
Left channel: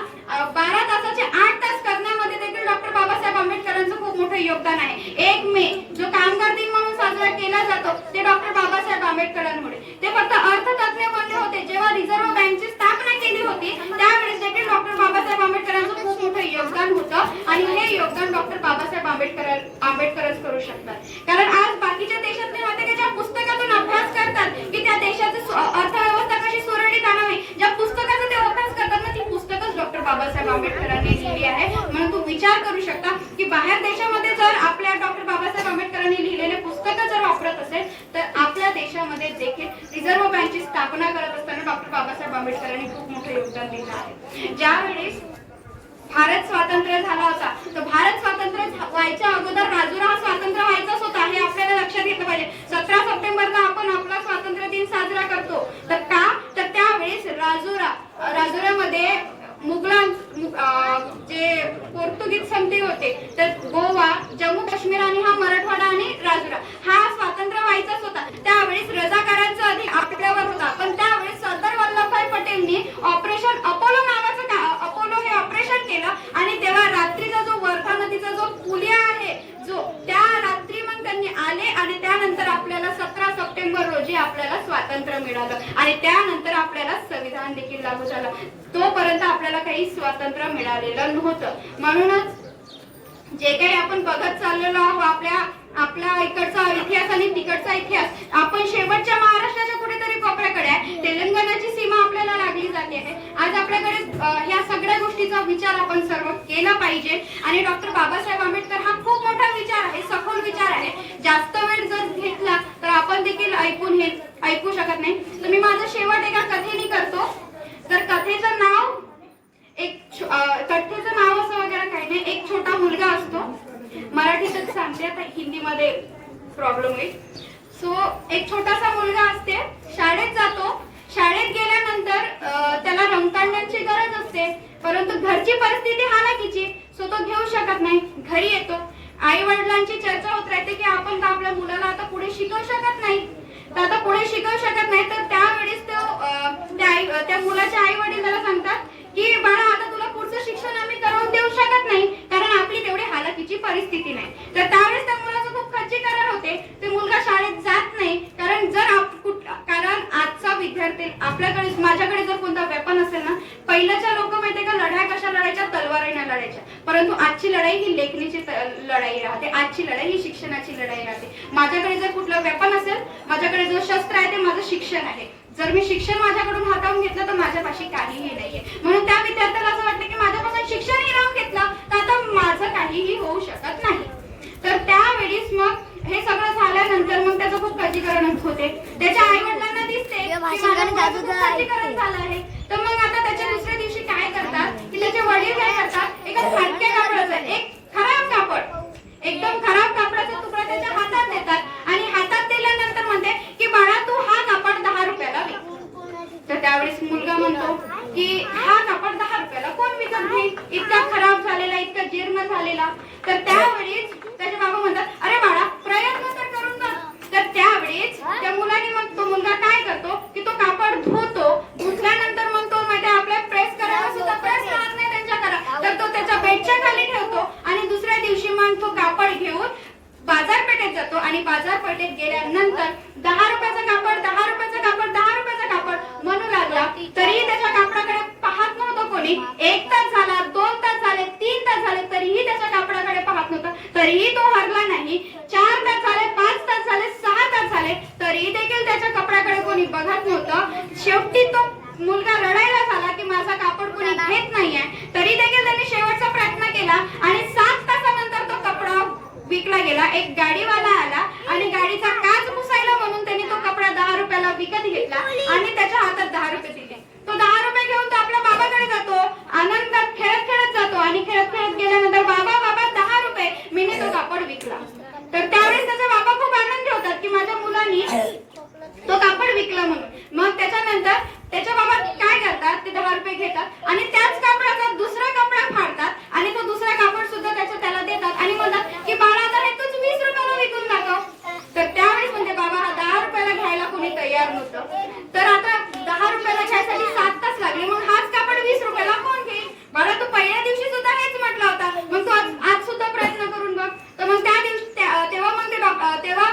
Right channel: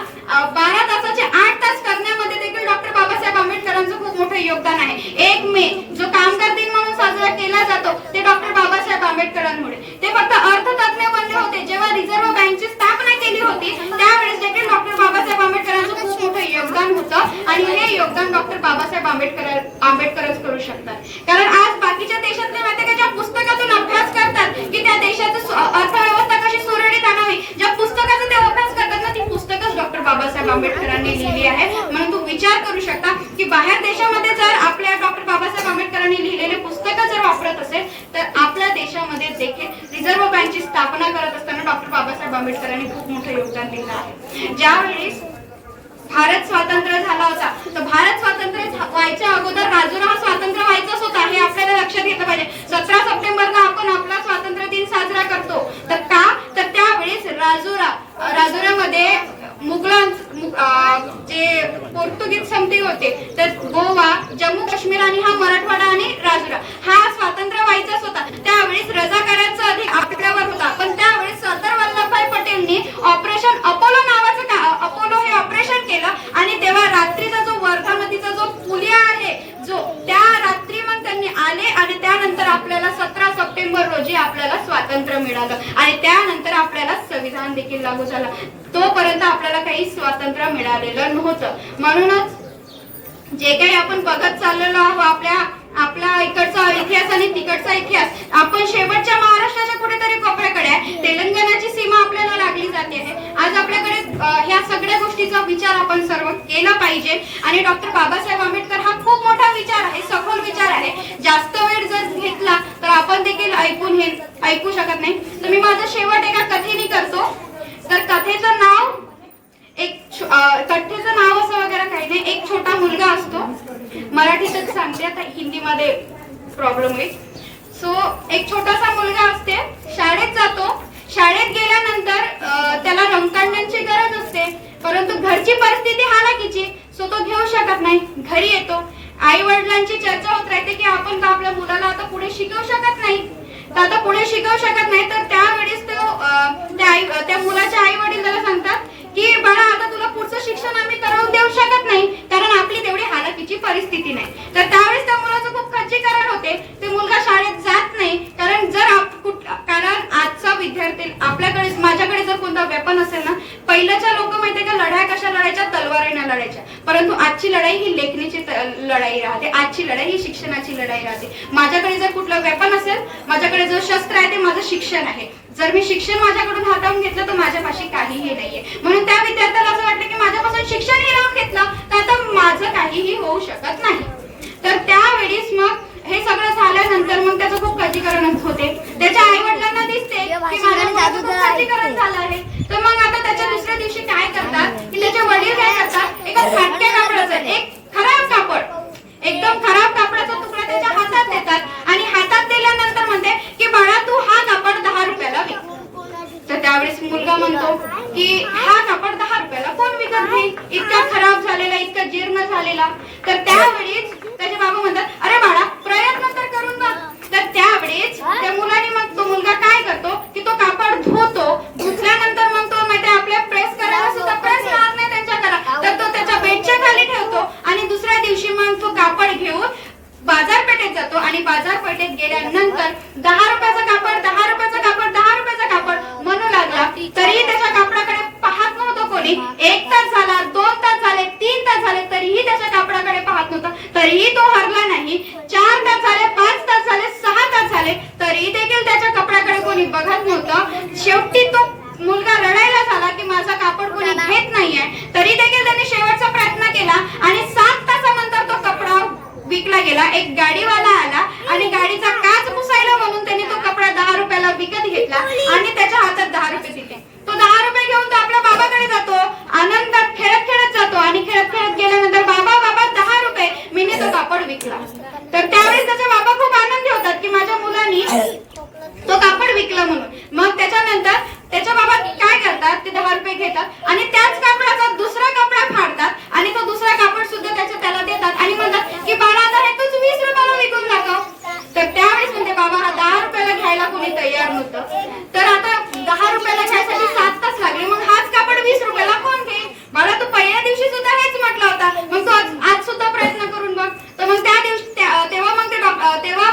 12 तासाचे 8 तास करण्यामध्ये देखील डॉक्टर बाबासाहेब आंबेडकरांचं खूप मोठं योगदान आहे. 1 मे जो कामगार दिन म्हणून साजरा केला जातो ते डॉक्टर बाबासाहेब आंबेडकरांमुळे. ते फक्त अर्थतज्ञ बनले होते. जेव्हा रिझर्व्ह बँकची स्थापना केली होती त्यावेळेस देखील डॉक्टर बाबासाहेब आंबेडकरांचं खूप मोठं योगदान होतं, आणि हे योगदान डॉक्टर बाबासाहेब आंबेडकरच करू शकतात. कारण आज बाकीच्या देशातले माहिती का ज्या पुस्तकातून अभ्यास करतात की त्या देशाची अर्थव्यवस्था कशी सुरळीत आणावी, ज्या पुस्तकाचा ते अभ्यास करतात ना ती पुस्तकच डॉक्टर बाबासाहेब आंबेडकरांनी लिहिली आहे. म्हणून तू विचार करू शकता की बाहेर देशामध्ये जर आपल्या डॉक्टर बाबासाहेब आंबेडकरांनी लिहिलेले पुस्तकं जर वापरत असेल तर आपल्या देशामध्ये देखील रिझर्व्ह बँकची स्थापना करत असताना डॉक्टर बाबासाहेब आंबेडकरांनी खूप मोठं योगदान दिलं आहे. ज्यावेळेस भारत स्वातंत्र्य झाला होता तर भारत स्वातंत्र्य व्हायच्या अगोदर राजुरा हा स्वातंत्र्य व्हायचाच होता हे आपल्याला लक्षात घेतलं पाहिजे. 17 सप्टेंबरला आपण आपला स्वातंत्र्य दिन साजरा करतो. तर का तर त्यावेळेस राजुरामध्ये जे पोर्तुगीज समती होते तर गोवा, जम्मू काश्मीर आणि हा मराठवाडा आणि राजुरा हा स्वातंत्र्य व्हायचाच होता. त्यावेळेस रजाकारांचा अधिक आपल्यावर होता, पण त्यावेळेस सरदार वल्लभभाई पटेलनी ऑपरेशन अपोलो नावाचं अपोलो हे ऑपरेशन केलं, आणि तेव्हा रात्रीचा जो वर्धा नदीचा जो आपल्याला 17 सप्टेंबर रोजी आपल्याला स्वातंत्र्य मिळालं आणि त्यानंतर आपल्याला संविधान देखील लागू झालं. तोपर्यंत आपल्याला काही स्वातंत्र्य मिळालेलं नव्हतं. म्हणूनच जे काही आपण बघत चाललेलो आहोत आपल्या इकडचा इतिहास आणि तिकडचा इतिहास, आपण शेवटच्या महाराष्ट्राच्या कुठेतरी कोपऱ्याकडे आहे. तेलंगणाची सीमा आपल्याला लागली जाते आहे. आज आपल्याकडे ह्या सगळ्या गोष्टीचा विचार आपण सर्व केला पाहिजे आणि डॉक्टर बाबासाहेब आंबेडकर हा खूप मोठा विचार आहे, सखोल विचार आहे. जास्त वेळ जर घेतला तर आपण देखील ऐकू शकत नाही. तर मी माझं शेवट एका कथेने करतो. तर कथेचं नाव असं वगैरे काही नाही. एक छोटा मुलगा असतो. मराठीतच सांगते, आता हिंदीमध्ये प्रॉब्लेम आहे. सो एक छोटासा मुलगा असते, शाळेत जातो. शाळेत गेल्यानंतर त्याला रंगकांड्यांची गरज असते, परंतु घरची परिस्थिती हालाकीची, सो तो घेऊ शकत नाही. घरी येतो. आई वडिलांची चर्चा होत राहते की आपण आपल्या मुलाला आता पुढे शिकवू शकत नाही. तर त्यावेळेस त्या मुलाचे आई वडील त्याला सांगतात की बाळा, आता तुला पुढचं शिक्षण आम्ही करून देऊ शकत नाही, कारण आपली तेवढी हालाकीची परिस्थिती नाही. तर त्यावेळेस त्या मुलाचं खूप खच्चीकरण होते. ते मुलगा शाळेत जात नाही, कारण आजचा विद्यार्थी आपल्याकडे, माझ्याकडे जर कोणता वेपन असेल ना, पहिल्याच्या लोक माहितीये का लढाई कशा लढायच्या, तलवारीने लढायच्या. परंतु आजची लढाई ही लेखणीची लढाई राहते. आजची लढाई ही शिक्षणाची लढाई राहते. माझ्याकडे जर कुठलं वेपन असेल, माझ्याकडे जो शस्त्र आहे ते माझं शिक्षण आहे. जर मी शिक्षण माझ्याकडून हाताळून घेतलं तर माझ्यापाशी काहीही नाहीये. म्हणून त्या विद्यार्थ्याला असं वाटलं की माझ्यापासून शिक्षण हिरावून घेतलं तर आता माझं काहीही होऊ शकत नाही. तर त्यावेळेस मग हे सगळं झाल्यानंतर मग त्याचं खूप खच्चीकरण होते. त्याच्या आई वडिलांना दिसते की माझ्या मुलाचं खूप खच्चीकरण झालं आहे. तर मग आता त्याच्या दुसऱ्या दिवशी काय करतात की त्याचे वडील काय करतात, एका फाटक्या कापडाचं एक खराब कापड, एकदम खराब कापडाचा तुकडा त्याच्या हातात देतात आणि हातात दिल्यानंतर म्हणते की बाळा, तू हा कापड 10 रुपयाला विक. तर त्यावेळेस मुलगा म्हणतो की हा कापड 10 रुपयाला कोण विकत घेईल, इतका खराब झालेला, इतका जीर्ण झालेला. तर त्यावेळेस त्याचे बाबा म्हणतात, अरे बाळा, प्रयत्न तर करून बघ. तर त्यावेळेस त्या मुलाने, मग तो मुलगा काय करतो की तो कापड धुतो. धुतल्यानंतर मग तो मध्ये आपल्या प्रेस करायला सुद्धा प्रेस राहत नाही त्यांच्याकडे, तर तो त्याच्या बेडच्या खाली ठेवतो आणि दुसऱ्या दिवशी मग तो कापड घेऊन बाजारपेठेत जातो आणि बाजारपेठेत गेल्यानंतर 10 रुपयाचं कापड, 10 रुपयाचं कापड, 10 रुपयाचं कापड म्हणू लागला. तरीही त्याच्या कापडाकडे पाहत नव्हतं कोणी. 1 तास झाला, 2 तास झाले, 3 तास झाले, तरीही त्याच्या कापडाकडे पाहत नव्हता. तरीही तो हरला नाही. 4 तास झाले, 5 तास झाले, 6 तास झाले, तरीही देखील त्याच्या कपड्याकडे कोणी बघत नव्हतं. शेवटी तो मुलगा रडायला झाला की माझा कापड कोणी घेत नाहीये. तरी देखील त्याने शेवटचा प्रयत्न केला आणि 7 तासानंतर तो कपडा विकला गेला. एक गाडीवाला आला आणि गाडीचा काच पुसायला म्हणून त्याने तो कपडा 10 रुपयाला विकत घेतला आणि त्याच्या हातात 10 रुपये दिले. तो 10 रुपये घेऊन तो आपल्या बाबाकडे जातो, आनंदात खेळत खेळत जातो आणि खेळत खेळत गेल्यानंतर बाबा 10 रुपये, मीने तो कापड विकला. तर त्यावेळेस त्याचे बाबा खूप आनंदी होतात की माझ्या मुलाने तो कापड विकला म्हणून. मग त्याच्यानंतर त्याच्या बाबा काय करतात, ते 10 रुपये घेतात आणि त्याच कापडाचा दुसरा कपडा फाडतात आणि तो दुसरा कापड सुद्धा त्याला देतात आणि म्हणतात की बाळा, आता हे तूच 20 रुपयाला विकून दाखव. तर त्यावेळेस म्हणते बाबा, हा 10 रुपयाला घ्यायला कोणी तयार नव्हतं. तर आता 10 रुपयाला घ्यायसाठी 7 तास लागले. मग हाच कापड 20 रुपयाला कोण घेईल? बाळा, तू पहिल्या दिवशी सुद्धा हेच म्हटलं होता, मग तू आज सुद्धा प्रयत्न करून बघ. तर मग त्या दिवशी तेव्हा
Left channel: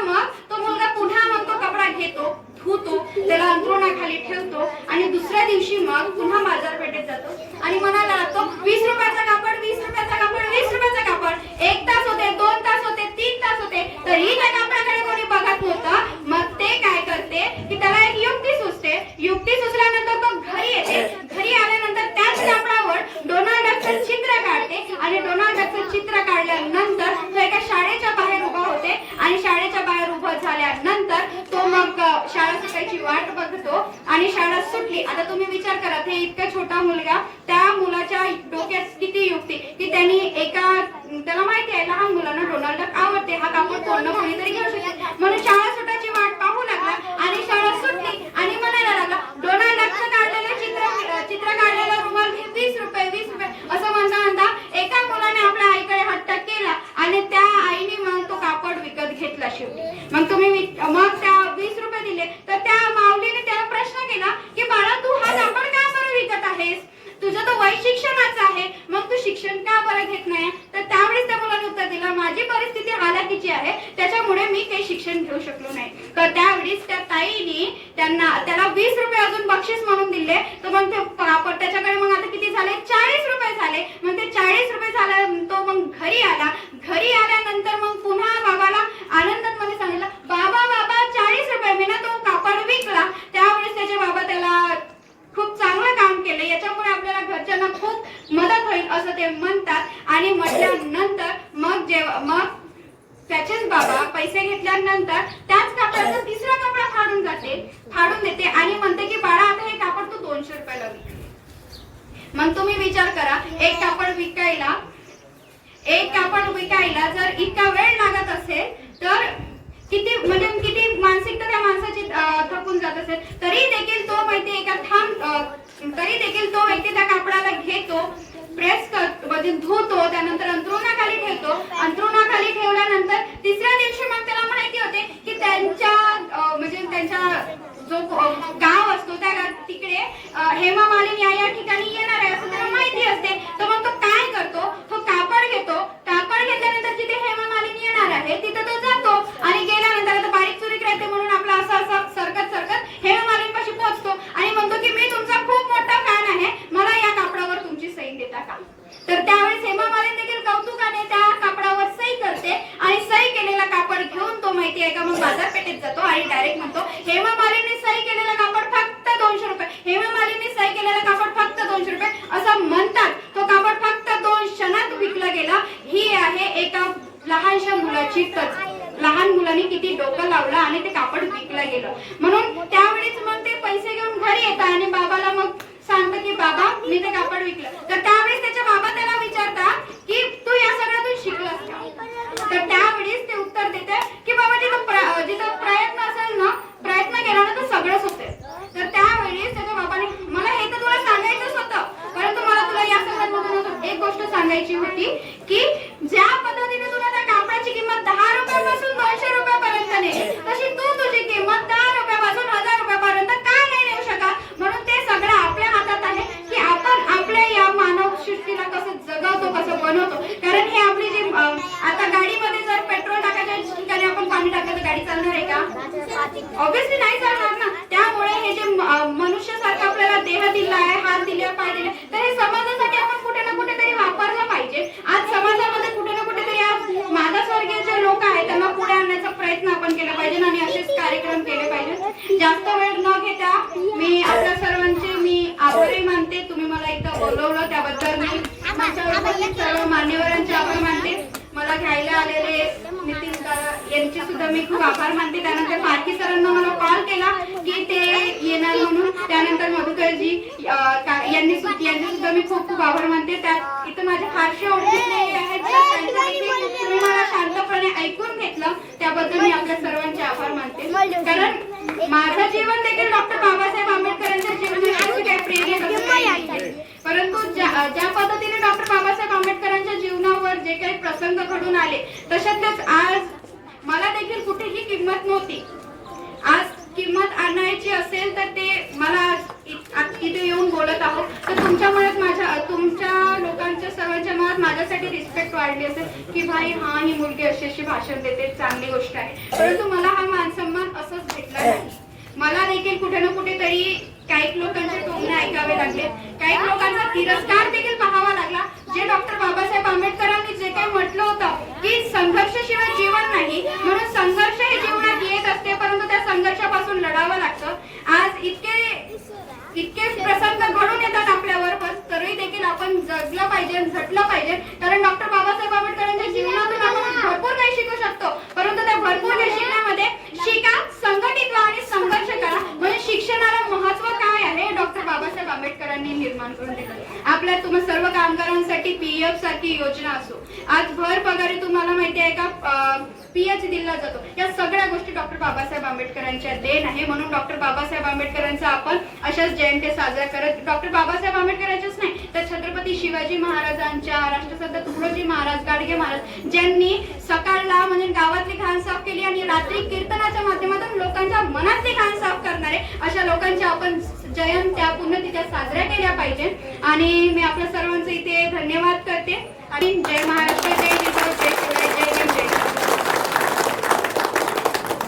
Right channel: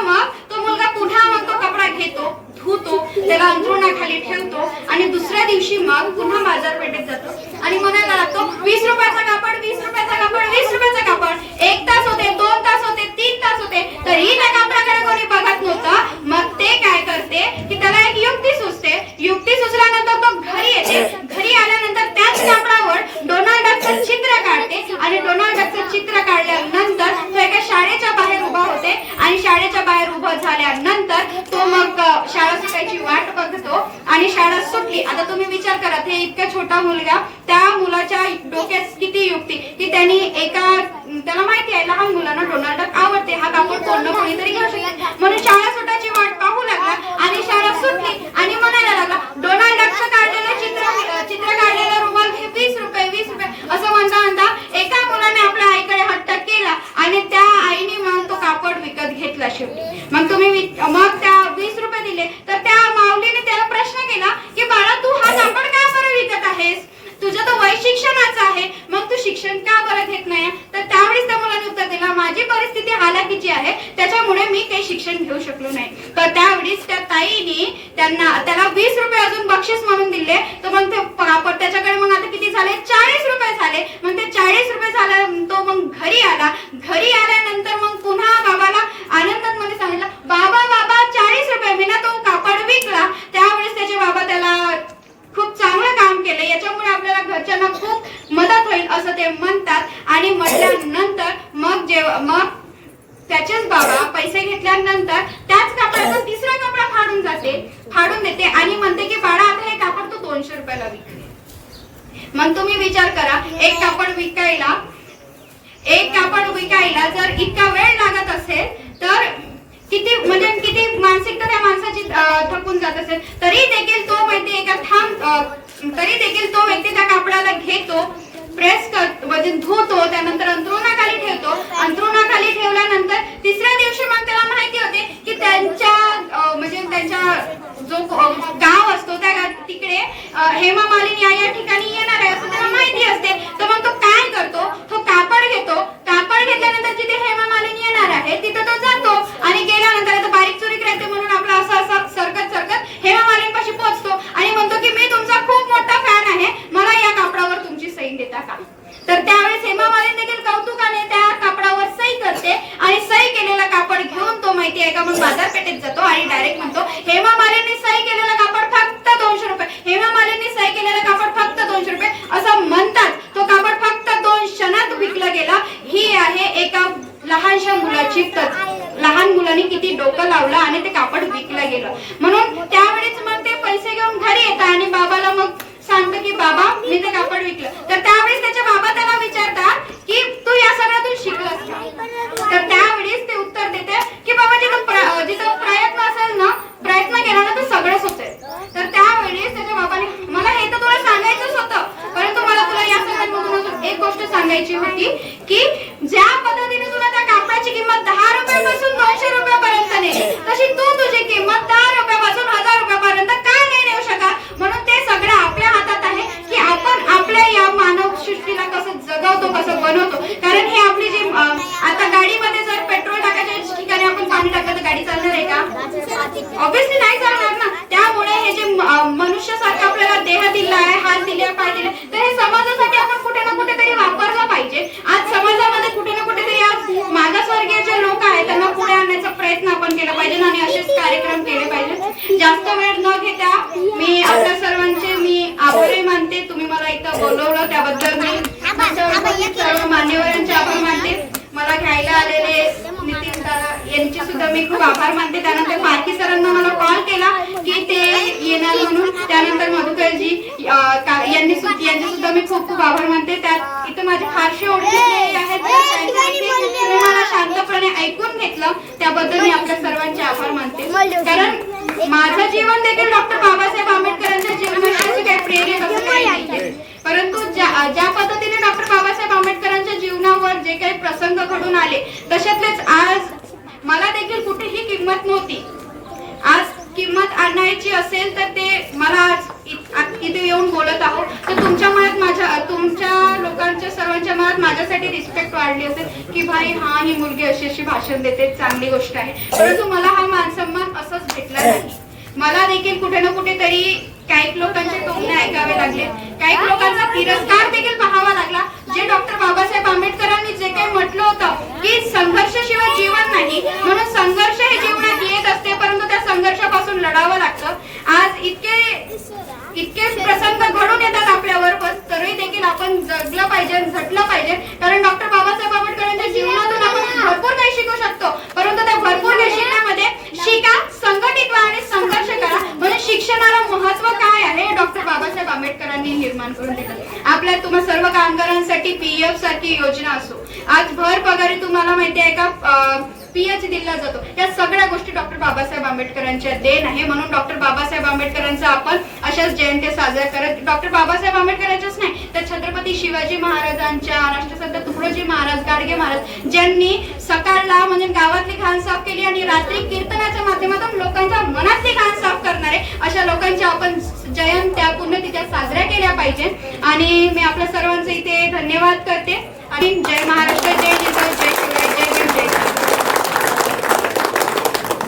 मग तो मुलगा पुन्हा मग तो कपडा घेतो, धुतो, त्याला अंथरुणाखाली ठेवतो आणि दुसऱ्या दिवशी मग पुन्हा बाजारपेठेत जातो आणि म्हणायला लागतो 20 रुपयाचा कापड, 20 रुपयाचा कापड, 20 रुपयाचा कापड. 1 तास होते, 2 तास होते, 3 तास होते, तरीही त्या कापडाकडे कोणी बघत नव्हतं. मग ते काय करते की त्याला एक युक्ती सुचते. युक्ती सुचल्यानंतर तो घरी येते. घरी आल्यानंतर त्याच कापडावर डोनाल्ड डकचं चित्र काढते आणि डोनाल्ड डकचं चित्र काढल्यानंतर तो एका शाळेच्या बाहेर उभा होते आणि शाळेच्या बाहेर उभा झाल्यानंतर तो मग शाळा सुटायची वाट बघतो आणि शाळा सुटली. आता तुम्ही विचार करा, हे इतका छोटा मुलगा, त्या मुलाच्या डोक्यात किती युक्ती की त्यांनी त्याला माहिती आहे लहान मुलांना डोनाल्ड डक आवडते, हा कापड कोण ना कोणीतरी घेऊ शकते, म्हणून शाळा सुटायची वाट पाहू लागला आणि शाळा सुटली आणि म्हणायला लागला डोनाल्ड डकचं काढलेलं चित्र काढलेला रुमाल 20 रुपये, 20 रुपये असं म्हणता एका मुलाने आपल्या आईकडे हट्ट केला आणि त्या आईने मग तो कापड विकत घेतला शेवटी. मग त्या 20 रुपये दिले. तर त्या माऊलीने त्याला प्रश्न केला की बाळा, तू हा कापड का बरं विकत आहेस? तुझं तर वय शिक्षणाचं आहे, मग तू शिक्षण का बरं घेत नाही? तर त्यावेळेस त्या मुलाने उत्तर दिलं, माझी परिस्थिती हालाकीची आहे, त्याच्यामुळे मी काही शिक्षण घेऊ शकलो नाही. तर त्यावेळेस त्या ताईने त्याला 20 रुपये अजून बक्षीस म्हणून दिले. तर मग ते त्याच्याकडे मग आता किती झाले, 40 रुपये झाले. मग ते 40 रुपये झाले, तो मग घरी आला. घरी आल्यानंतर मग पुन्हा बाबाला आनंदात मध्ये सांगितलं, बाबा 40 रुपये मी ना तो कापड विकला. त्यावेळेस त्याचे बाबा त्याला खूप चांगलं काम केलं, याच्यामुळे आपल्याला घरच्यांना खूप मदत होईल असं ते म्हणतात. आणि म्हटल्यानंतर मग त्याचेच बाबा पैसे घेतल्यानंतर त्याच कापडाचा तिसरा कपडा फाडून देते आणि म्हणते की बाळा आता हे कापड तू 200 रुपयाला विक. मग तुम्ही विचार करा, एक कापड विकायला जर इतका वेळ लागत असेल तर किती मानसिकता त्या माणसाची थकून जात असेल. तरी देखील तो व्यक्ती त्या कापडाला घेतो, प्रेस धुतो, त्यानंतर अंथरुणाखाली ठेवतो. अंथरुणाखाली ठेवल्यानंतर तिसऱ्या दिवशी मग त्याला माहिती होते की त्यांच्या जो गाव असतो त्या तिकडे हेमा मालिनी या ठिकाणी येणार आहे असं त्याला माहिती असते. तर मग तो काय करतो, तो कापड घेतो. कापड घेतल्यानंतर जिथे हेमा मालिनी येणार आहे तिथे तो जातो आणि गेल्यानंतर आता बारीक चुरीक राहते म्हणून आपला असं सरकत हेमा मालिनीपाशी पोहोचतो आणि म्हणतो की मी तुमचा खूप मोठा फॅन आहे, मला या कापडावर तुमची सही देता का. तर त्यावेळेस हेमा मालिनी देखील कौतुकाने त्या कापडावर सही करते आणि सही केलेला कापड घेऊन तो माहिती आहे का मग बाजारपेठेत जातो आणि डायरेक्ट म्हणतो हेमा मालिनी सही केलेला कापड फक्त 200 रुपये, हेमा मालिनी सही केलेला कापड फक्त 200 रुपये असं म्हणतात. तो कापड फक्त 2 क्षणात विकला गेला. ही आहे एका लहानशा मुलाची लहान मुलांनी किती डोकं लावलं आणि ते कापड विकलं गेलं. म्हणून त्यावेळेस मग ते पैसे घेऊन घरी येतात आणि बाबाला मग सांगतं की बाबा मी ते कापड विकलं. तर त्यावेळेस त्याचे बाबा त्याला विचारतात की तू या सगळ्यातून शिकलास का. तर त्यावेळेस ते उत्तर देते की बाबा जिथं प्रयत्न असेल ना, प्रयत्न केला ना तर सगळंच होते. तर त्यावेळेस त्याच्या बाबाने मला हे तर तुला सांगायचंच होतं, परंतु मला तुला या सगळ्यातून एक गोष्ट सांगायची होती की ज्या पद्धतीने तुला त्या कापडाची किंमत 10 रुपयापासून 200 रुपयापर्यंत नेली, तशी तू तुझी किंमत 10 रुपयापासून 1000 रुपयापर्यंत का नाही नेऊ शकत. म्हणून ते सगळं आपल्या हातात आहे की आपण आपल्या या मानव सृष्टीला कसं जगवतो, कसं बनवतो. कारण हे आपली जी आता गाडीमध्ये जर पेट्रोल टाकायच्या ठिकाणी आपण पाणी टाकलं तर गाडी चालणार आहे का, ऑब्विसली नाही चालणार ना. त्यामुळे हे जे मनुष्यासारखं आपल्याला देह दिला आहे, हात दिले, पाय दिले, तर हे समाजासाठी आपण कुठे ना कुठेतरी वापरलं पाहिजे. आज समाजामध्ये कुठे ना कुठेतरी आज मागासवर्गीय जे लोक आहेत त्यांना पुढे आणण्याचा प्रयत्न आपण केला पाहिजे आणि असेच कार्यक्रम केले पाहिजे. जास्त वेळ न घेता मी आपल्या सर्वांचे आभारी मानते. तुम्ही मला इथं बोलवलं त्याबद्दल मी सर्व मान्यवरांचे आभार मानते. मला घ्यायला आलेले नितीन दादा यांचे सुद्धा मी खूप आभार मानते. त्यानंतर पारखी सरांना मला कॉल केला की ते येणार म्हणून. त्यानंतर मधुकरजी यांचे सुद्धा मी खूप खूप आभार मानते. त्यात इथं माझे फारसे ओळखीचे आहेत, तुम्ही मला शांतपणे ऐकून घेतलं त्याबद्दल मी आपल्या सर्वांचे आभार मानते. कारण माझं जीवन देखील डॉक्टर बाबासाहेब आंबेडकरांच्या जीवनाशी काही प्रेरित असं काही नाही, परंतु ज्या पद्धतीने डॉक्टर बाबासाहेब आंबेडकरांच्या जीवनावर जे काही प्रसंग घडून आले तशातलेच आज मला देखील कुठेही किंमत नव्हती. आज किंमत आणायची असेल तर ते मला इथे येऊन बोलत आहोत तर तुमच्या लोकांच्या सर्वांच्या मनात माझ्यासाठी रिस्पेक्ट वाढली असेल की भाई हा ही मुलगी अशी भाषण देते, चांगली गोष्ट आहे. परंतु मला हा मान सन्मान असंच भेटला नाही. मला देखील कुठे ना कुठेतरी काही लोकांचे टोमणे ऐकावे लागले, काही लोकांचा तिरस्कार देखील पाहावा लागला. जे डॉक्टर बाबासाहेब आंबेडकरांनी जे काही म्हटलं होतं की संघर्षाशिवाय जीवन नाही, म्हणून संघर्ष हे जीवनात येत असते परंतु त्या संघर्षापासून लढावं लागतं. आज इतके प्रसंग घडून येतात आपल्यावर, पण तरी देखील आपण जगलं पाहिजे, झटलं पाहिजे. कारण डॉक्टर बाबासाहेब आंबेडकरांच्या जीवनातून आपण भरपूर काही शिकू शकतो, परंतु त्या भरपूर काही शिकण्यामध्ये शिका, संघटित व्हा आणि संघर्ष करा. म्हणजे शिक्षणाला महत्व काय आहे डॉक्टर बाबासाहेब आंबेडकरांनी निर्माण करून दिलं. आपल्या तुम्हा सर्व कामगारांसाठी पीएफ सारखी योजना असो, आज भर पगारी तुम्हाला माहिती आहे का पीएच दिला जातो, या सगळ्या गोष्टी डॉक्टर बाबासाहेब आंबेडकरांच्या देण आहे. म्हणून डॉक्टर बाबासाहेब आंबेडकरांचा आपण अशाच जयंती साजरा करत, डॉक्टर बाबासाहेब आंबेडकरांच्याच नाही तर छत्रपती शिवाजी महाराजांच्या, राष्ट्रसंत तुकडोजी महाराज, गाडगे महाराज ज्यांनी सकाळला म्हणजे गावातली घाण साफ केली आणि रात्री कीर्तनाच्या माध्यमातून लोकांच्या मनातली घाण साफ करणारे अशा लोकांच्या आपण जयंत्या पुण्यतिथ्या साजऱ्या केल्या पाहिजे. आणि मी आपल्या सर्वांना